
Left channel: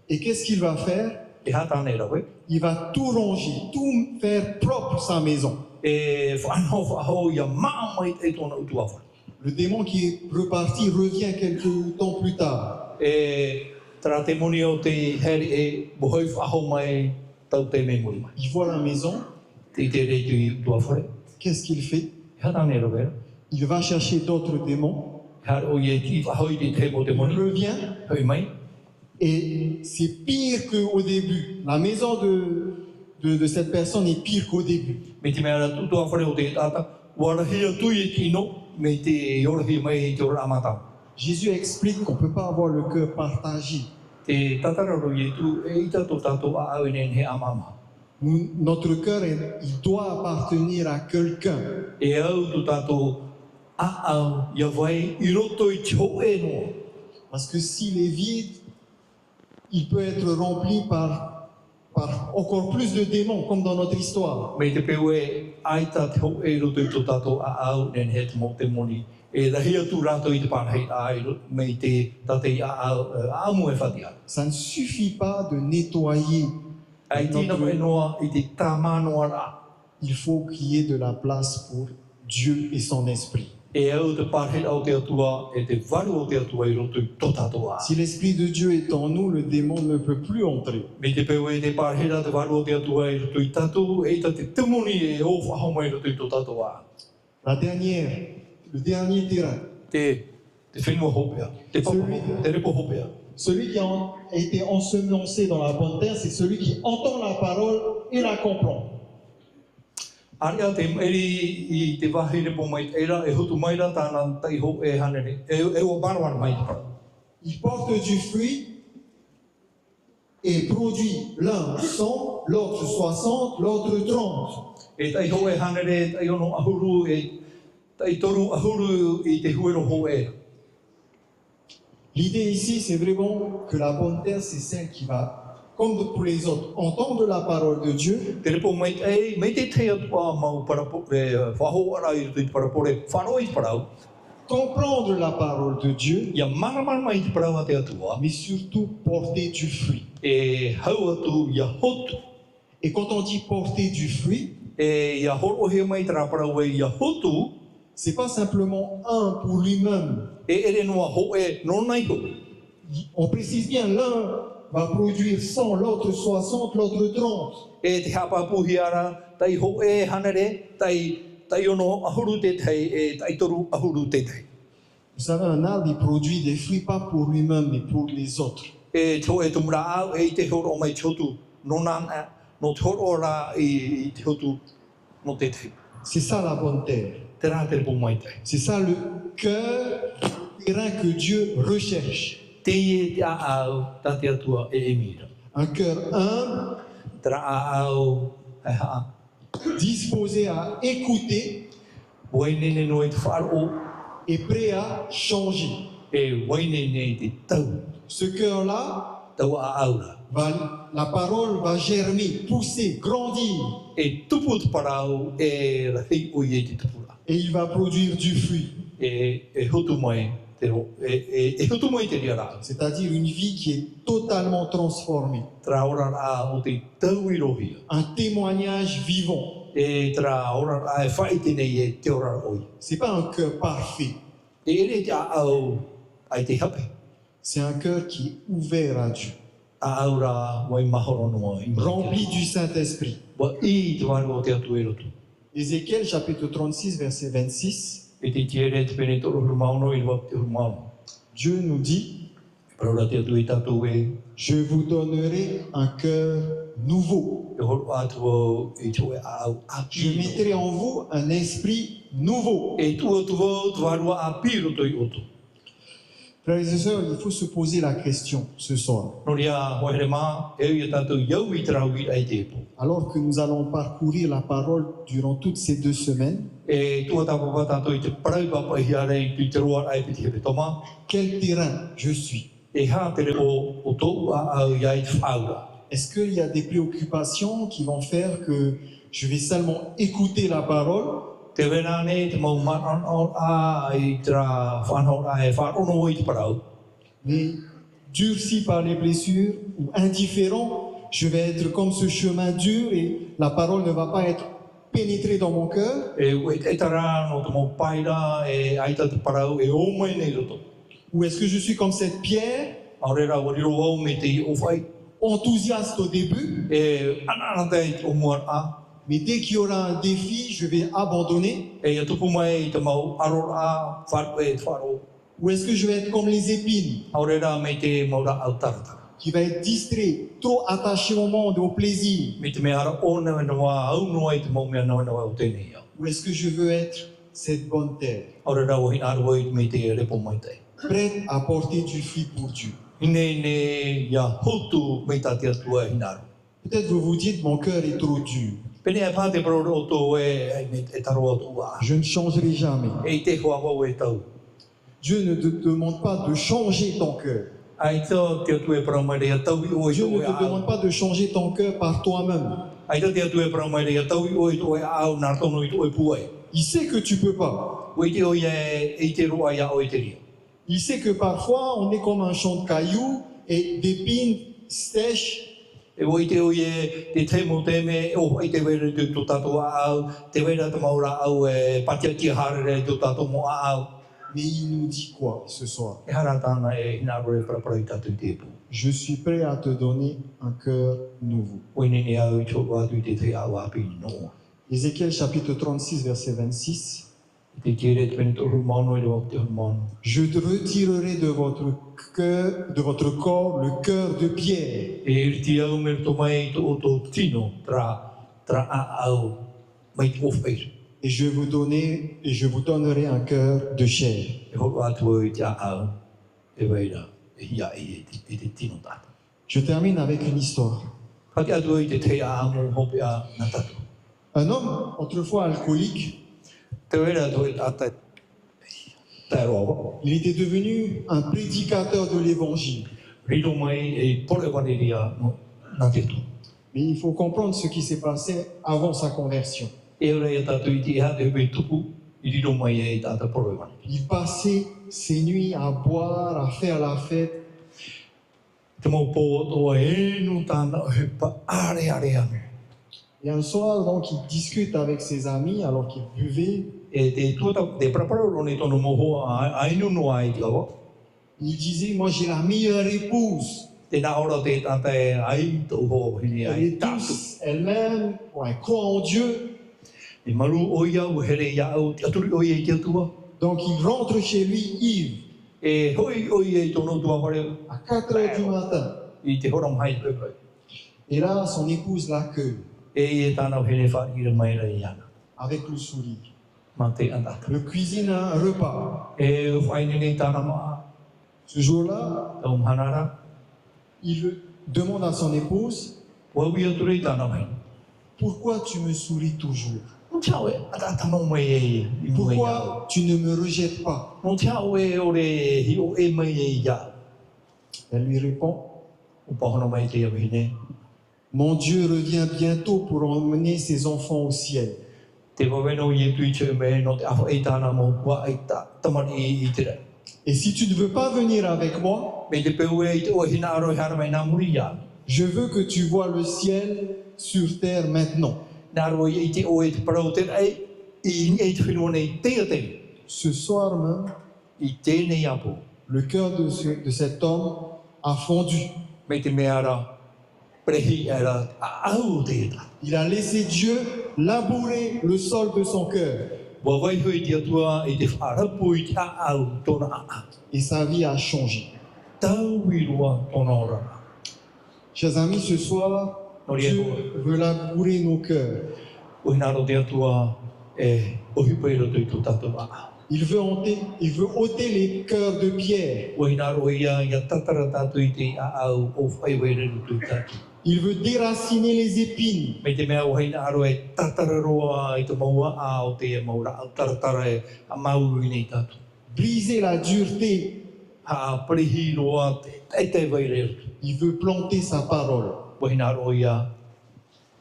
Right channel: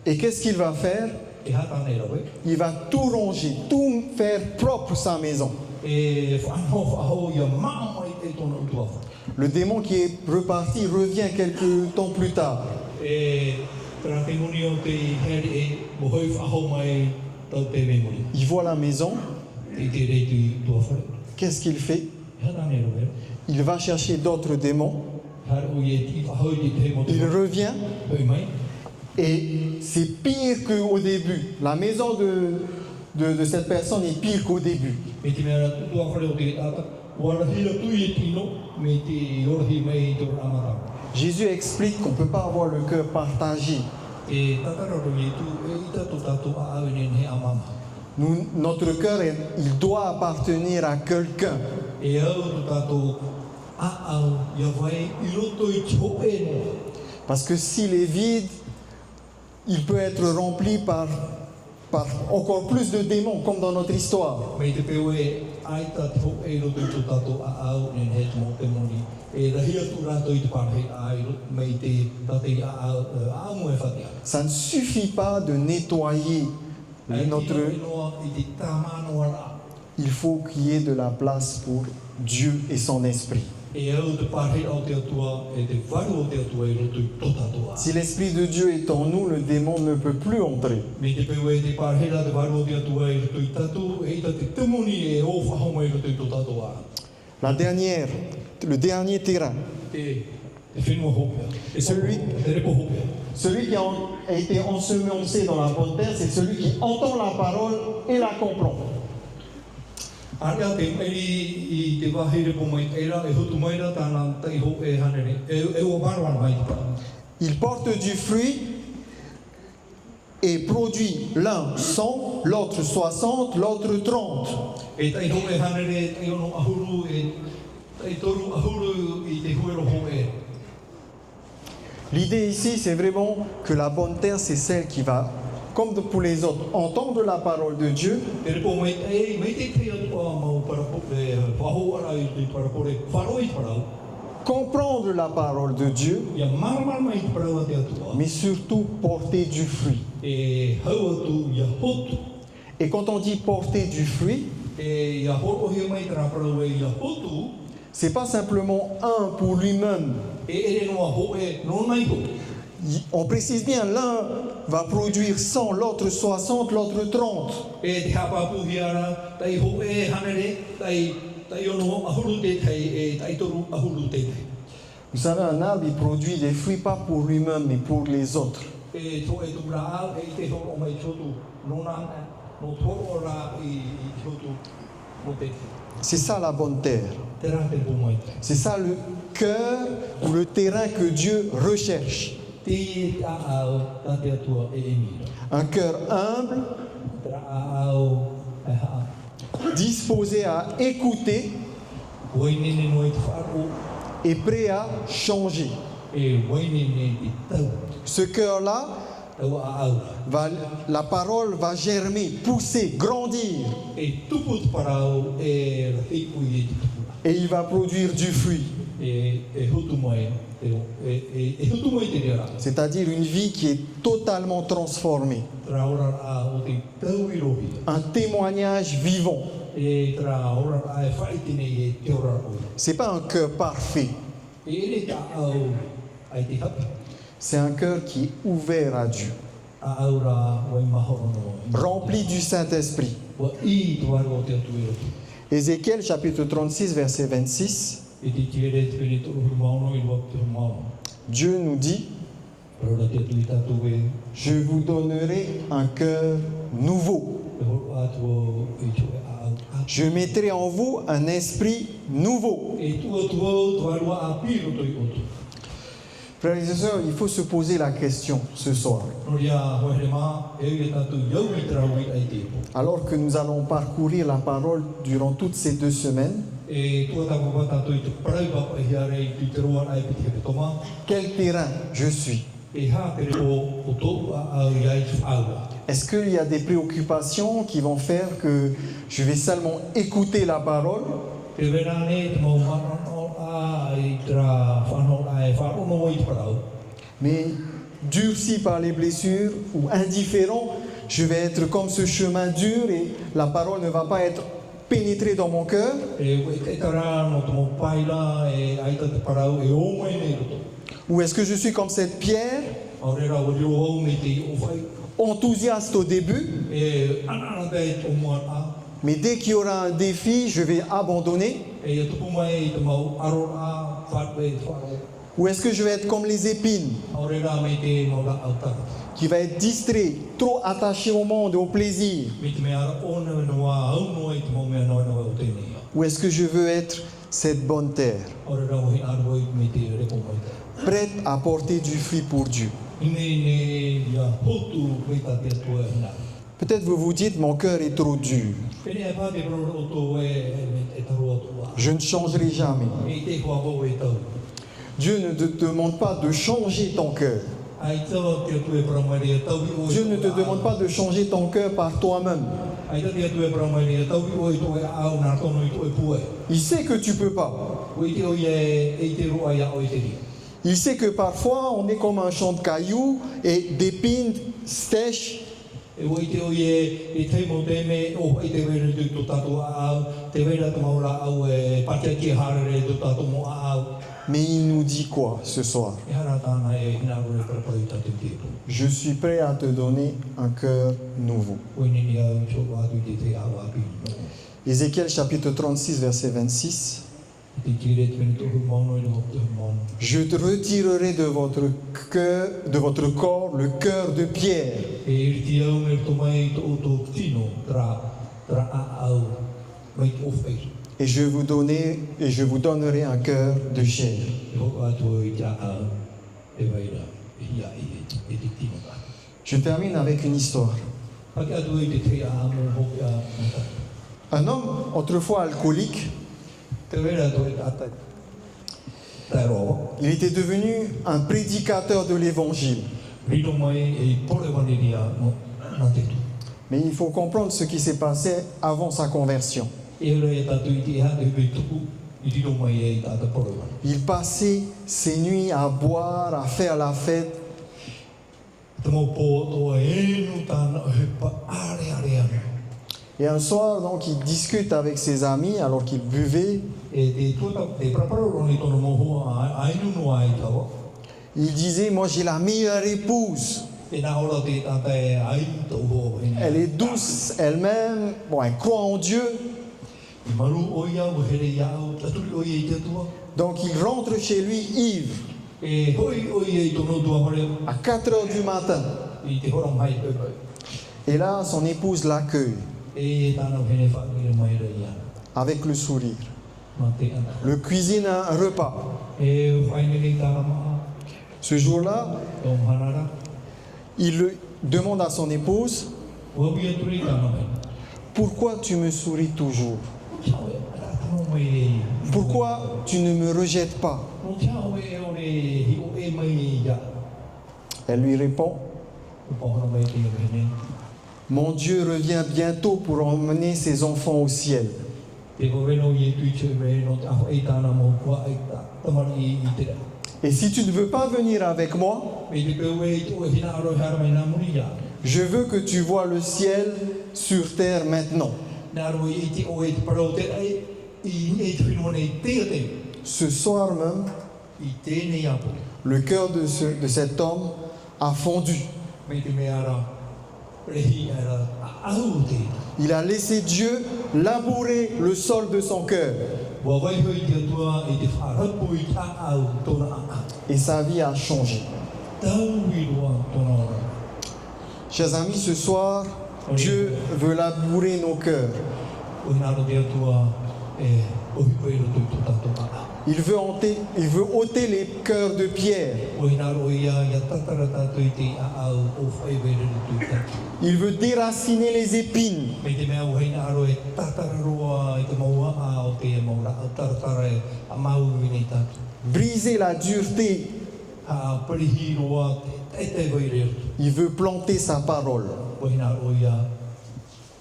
Et qu'est-ce qu'il va faire? E hatane rawe. Il va tout ronger, tout faire propre sa maison. E whanau whahau ia maa mai te tōna utua whare. Le démon qui est reparti revient quelques temps plus tard. E tara te moni o te heri e mohoi whahau mai tau te me moni. Il voit la maison. Te te rei tu I utua whare. Qu'est-ce qu'il fait? E hatane rawe. Il va chercher d'autres démons. Hare o ie ki whahau I te mo te Il moni. revient. Hoi mai. Et c'est pire qu'au début. La maison de cette personne est pire qu'au début. Me te mea rā tutua whare o te tata. Warahia tui e kino, me te orahi mai te ora amata. Jésus explique qu'on ne peut pas avoir le cœur partagé. Te tatararo i tu e ita tō tātou a awe ne he amama. Notre cœur, il doit appartenir à quelqu'un. E au tu tātou au ia vai I roto I te ho e no. Parce que s'il est vide, il peut être rempli par encore plus de démons, comme dans notre histoire. Mei te peu e aita te ho e roto I tō tātou au nen he mo te moni. E rahi atu rato I te parahei ai mei te tatei au mo e whatia. Ça ne suffit pas de nettoyer Ai tina notre... e noa I te tāmanoa rā. Il faut qu'il y ait de la place pour Dieu et son esprit. E au te parahei au te atua e te varu o te atua I roto I tō tātou a. Si l'esprit de Dieu est en nous, le démon ne peut plus entrer. Me te peu e te parahei te varu o te atua I roto I tātou e ta te temoni e o whahoma I roto I tō tātou a. Le dernier terrain, Te whenua hopea. Celui- Te repo hopea. celui qui a été ensemencé dans la bonne terre, c'est celui qui entend la parole et la comprend. Aria te meri I te wahi repo mai eira e hutu mai ra tāna tai ho e hanere. E o marwana mai te pā. Il porte du fruit et produit l'un 100, l'autre 60, l'autre 30. E tai ho e hanere, tai ono ahuru e tai toru ahuru I te huero ho e. L'idée ici, c'est vraiment que la bonne terre, c'est celle qui va, comme pour les autres, entendre la parole de Dieu, Te repo mai e me te te atua mau parapo e whaho ara I te parapore whano I te parau. comprendre la parole de Dieu, Ia maramara mai te parau a te atua. mais surtout porter du fruit. E hau atu ia hotu. Et quand on dit porter du fruit, E ia horohe mai te raparau e ia hotu. c'est pas simplement un pour lui-même. E ere noa ho e no nai ho. On précise bien, l'un va produire 100, l'autre 60, l'autre 30. E te hapapuhi ara, tai ho e hanere, tai ono ahuru te tai, e tai toru ahuru te tai. Vous savez, un arbre, il produit des fruits pas pour lui-même, mais pour les autres. E to e tumra au, e te horo mai te hotu, no nana, no te horo ra I te hotu, no te tai. C'est ça la bonne terre. Te rā te repo mai tai. C'est ça le cœur ou le terrain que Dieu recherche. Te e te a au, ta te atua e emira. Un cœur humble, Te rā a au, e haa. disposé à écouter Wainene no e te wharo, et prêt à changer. e wainene te tau, Ce cœur-là, tau a aura. la parole va germer, pousser, grandir. E tupu te parau, e rahi o I e te tupura. Et il va produire du fruit. E hutu mai te ro, e hutu mai te ria rā. C'est-à-dire une vie qui est totalement transformée. Tra ora rā o te tau I rohi. Un témoignage vivant. E tra ora rā e whai tenei e te ora oi. C'est pas un cœur parfait. E ere te a au ai te hape. C'est un cœur qui est ouvert à Dieu. A aura wai mahoro noa. Rempli du Saint-Esprit. Wa I te wāra o te atu e roto. Ézéchiel chapitre 36, verset 26. E te tiere te pene toro hu maono I wap te hu maono. Dieu nous dit, Parora te atu I tātou e. je vous donnerai un cœur nouveau. E horo atua I te oe a au a. Je mettrai en vous un esprit nouveau. E tua tua te wārua a pi roto I oto. Frères et sœurs, il faut se poser la question ce soir. No ria hoere mā, e ui tātou iau I te rau I ai te epo. Alors que nous allons parcourir la parole durant toutes ces 2 semaines, E tua tāpapa tātou I te parau papa I arei I te roa ai piti he toma. quel terrain je suis? E hā te reo o tōu a au I ai te whaura. Est-ce qu'il y a des préoccupations qui vont faire que je vais seulement écouter la parole, Te wena ne te mau maran a I te rā whanau a e wharono I te parau. mais durci par les blessures ou indifférent, je vais être comme ce chemin dur et la parole ne va pas être pénétrée dans mon cœur? E koe te tara no te mau paira e aita te parau e o mai nei roto. Ou est-ce que je suis comme cette pierre, Aore rā wariro au me te I o whai. enthousiaste au début, E anana te o mua a. mais dès qu'il y aura un défi, je vais abandonner? E ia tupu mai I te mau aro a wharu e te wharu. Ou est-ce que je vais être comme les épines, Aore rā me te maura au tarata. qui va être distrait, trop attaché au monde, au plaisir? Me te mea ara o newe na wā au noa I te mau mea noa noa o tēnei ia. Ou est-ce que je veux être cette bonne terre, Aore rā o hina aru me te repo mai te. prête à porter du fruit pour Diu? Ine ia hotu me tā te atua hina aru. Peut-être vous vous dites, mon cœur est trop dur. Pene e pā te pro o tō e taro atu wā. Je ne changerai jamais. E te hoa wau e tau. Dieu ne te demande pas de changer ton cœur. Ai tō te atu e praumare a tau i o e Dieu ne tō te e demande au. pas de changer ton cœur par toi-même. Ai tō te atu e praumare a tau i o e tō e au nā tono i tō e puai. Il sait que tu peux pas. O i te o e te roa ia o e te ri. Il sait que parfois on est comme un champ de cailloux et d'épines sèches. E o i te o te te mo te me o i te wera te tō tātou a au. Te wera te maura au e patia tia harere tō tātou mo a au. Mais il nous dit quoi ce soir? E hara tāna e ina roe prapara i tātou te epu. Je suis prêt à te donner un cœur nouveau. O i nini au i tō atu i te te au api no. Ézéchiel chapitre 36 verset 26. Te tere te wena tōru maunu i rō te maunu. Je te retirerai de votre corps le cœur de pierre E riti au me to mai to to tino tra a au mai of pe. et je vous donnerai un cœur de chair. E ho atu i te a e veira e ia e te tino ta. Je termine avec une histoire. Haki atu i te te a mo hopi a nata. Un homme autrefois alcoolique, Te vera tu e tata. Ta roa. il était devenu un prédicateur de l'évangile. Rito mai e pole waniria no na te tu. Mais il faut comprendre ce qui s'est passé avant sa conversion. E ora e tatu i te ha te me tuku i rito mai e tata pole wani. Il passait ses nuits à boire, à faire la fête. Te mo po to e nu tana o he pa are ane. Et un soir, donc, il discute avec ses amis alors qu'il buvait. E te tuata te praparo roni tono moho a inu no ai lawa. Il disait, moi j'ai la meilleure épouse. E nā ora te tata e ai tō ho hini Elle ai. est douce, elle m'aime, bon, elle croit en Dieu. I maru o ia o here ia au te aturi o ia i te atua. Donc il rentre chez lui ivre E hoi o ia i tono tua mareo à 4 heures du matin. i te horong hai pepe. Et là, son épouse l'accueille E tāna o here whakira mai rei ia. avec le sourire. Ma te ana. Le cuisine un repas. E whai nene tāna maa. Ce jour-là, Tō mhanara. il demande à son épouse, Wawi aturi tāna mai. pourquoi tu me souris toujours? No te awe, ata tamo mai e. Pourquoi tu ne me rejettes pas? No te awe o re hi o e mai e ia. Elle lui répond, O pahono mai te awe hine. mon Dieu revient bientôt pour emmener ses enfants au ciel. Te waweno i e tui te me no te aho e tāna mo kua e ta tamani i te rei. Et si tu ne veux pas venir avec moi, Me te peu e i te o hina aro hara mai nā muri ia. je veux que tu vois le ciel sur terre maintenant. Nā aro i te o e te parau te rei. I ni e te whenua nei te te. Ce soir même, I tēnei apo. le cœur de cet homme a fondu. Me te mea ara. Prehi era a au te ita. Il a laissé Dieu labourer le sol de son cœur. Wa wai hui te atua i te wharapu i te a au tōna a. Et sa vie a changé. Tau i rua tōna ora. Chers amis, ce soir, Dieu veut labourer nos cœurs. O hina aro te atua e ohi pēro tui tō tātou a. Il veut ôter les cœurs de pierre. O hina aro ia tatara tātou i te a au o whai wera ni tui tātou. Il veut déraciner les épines. Me te mea o hina aro e tatara roa i te maua a o te maura a taratara e a mauru i nei tātou. Briser la dureté. A prehi roa te te waireru. Il veut planter sa parole. O hina aro ia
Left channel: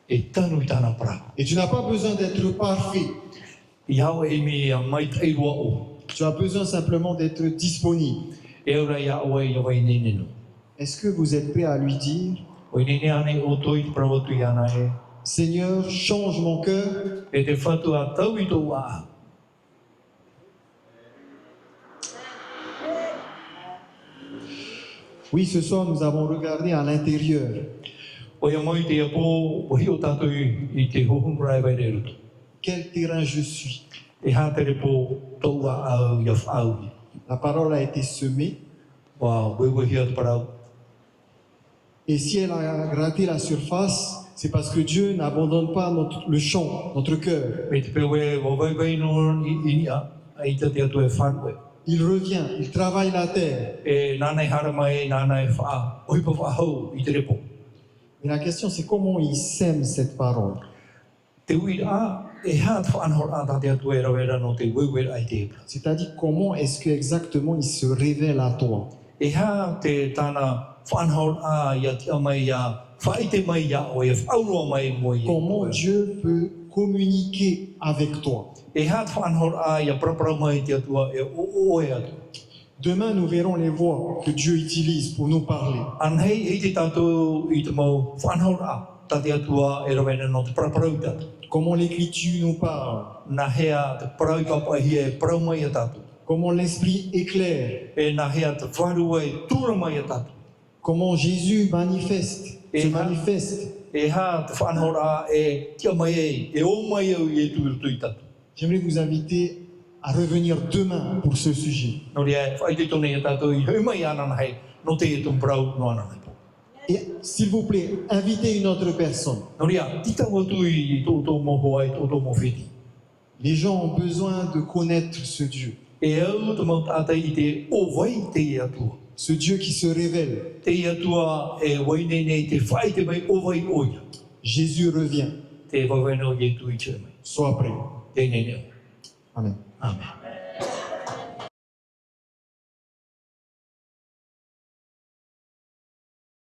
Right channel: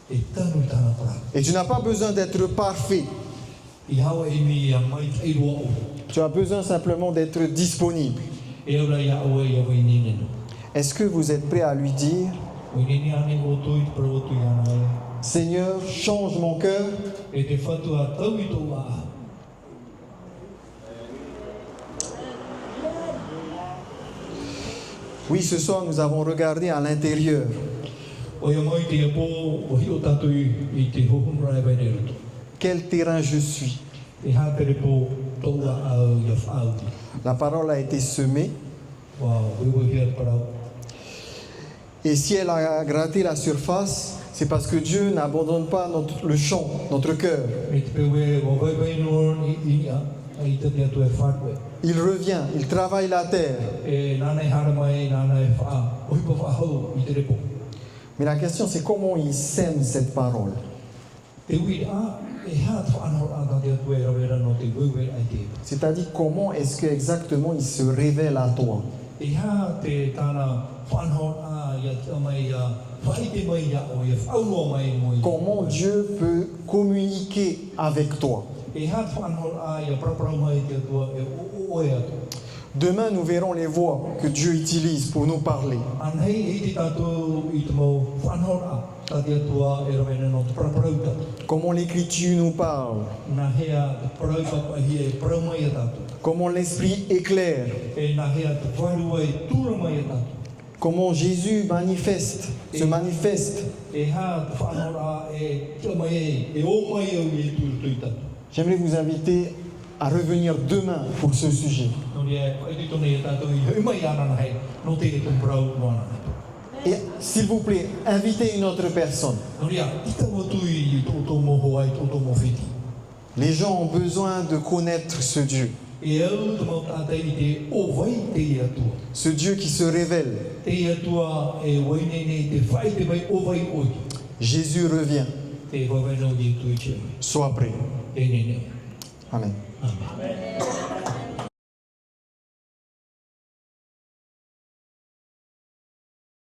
e tanu i tāna para. Et tu n'as pas besoin d'être parfait. I hao e mi a mai tai roa o. Tu as besoin simplement d'être disponible. E ora ia awa i awa i nene no. Est-ce que vous êtes prêt à lui dire, O i nene ane o toi te prawa tui ana e. Seigneur, change mon cœur, E te whatu a tau i tō a. Oui, ce soir, nous avons regardé à l'intérieur. O ia mai te apo, o hi o tātou i te hohumurai vai re rutu. Quel terrain je suis. E hātere po tō a au ia whaudi. La parole a été semée. Wa wewehi atu parau. Et si elle a gratté la surface, c'est parce que Dieu n'abandonne pas le champ, notre cœur. Me te pewe wa wewei no i a. Ai te te atu e whanwe. Il revient, il travaille la terre. E nānei hara mai, nānei wha. Ohi pa whahau i te repo. Mais la question c'est comment il sème cette parole. Te uira e ha te whanhor a tatea tue rawera no te wewe ai te. C'est-à-dire comment est-ce que exactement il se révèle à toi. E ha te tāna whanhor a ia te amai ia whaite mai ia o e whaurua mai mo i. Comment Dieu peut communiquer avec toi. E ha te whanhor a ia prapara mai te atua e o e atu. Demain, nous verrons les voix que Dieu utilise pour nous parler. An hei e te tātou i te mau whanhor a tatea atua e rawena no te prapara uta. Comment l'Écriture nous parle. Nā hea te parau papahi e parau mai a tātou. Comment l'Esprit éclaire. E nā hea te wharua e tūra mai a tātou. Comment Jésus se manifeste. E ha te whanhor a e tia mai e o mai au i e tūru tātou. J'aimerais vous inviter à revenir demain pour ce sujet. No rea, whaite tone e tātou i haumai ana hei, no te e tōn parau no ana hei. Et s'il vous plaît, invitez une autre personne. No rea, ita watu i tō moho ai, tō mowhiti. Les gens ont besoin de connaître ce Dieu. E au te mau tātai i te o wai te i atua. Ce Dieu qui se révèle. Te i atua e wainene te whaite mai o wai oi. Jésus revient. Te waweno i e tui tū. Sois prêt. E nene. Amen. Amen.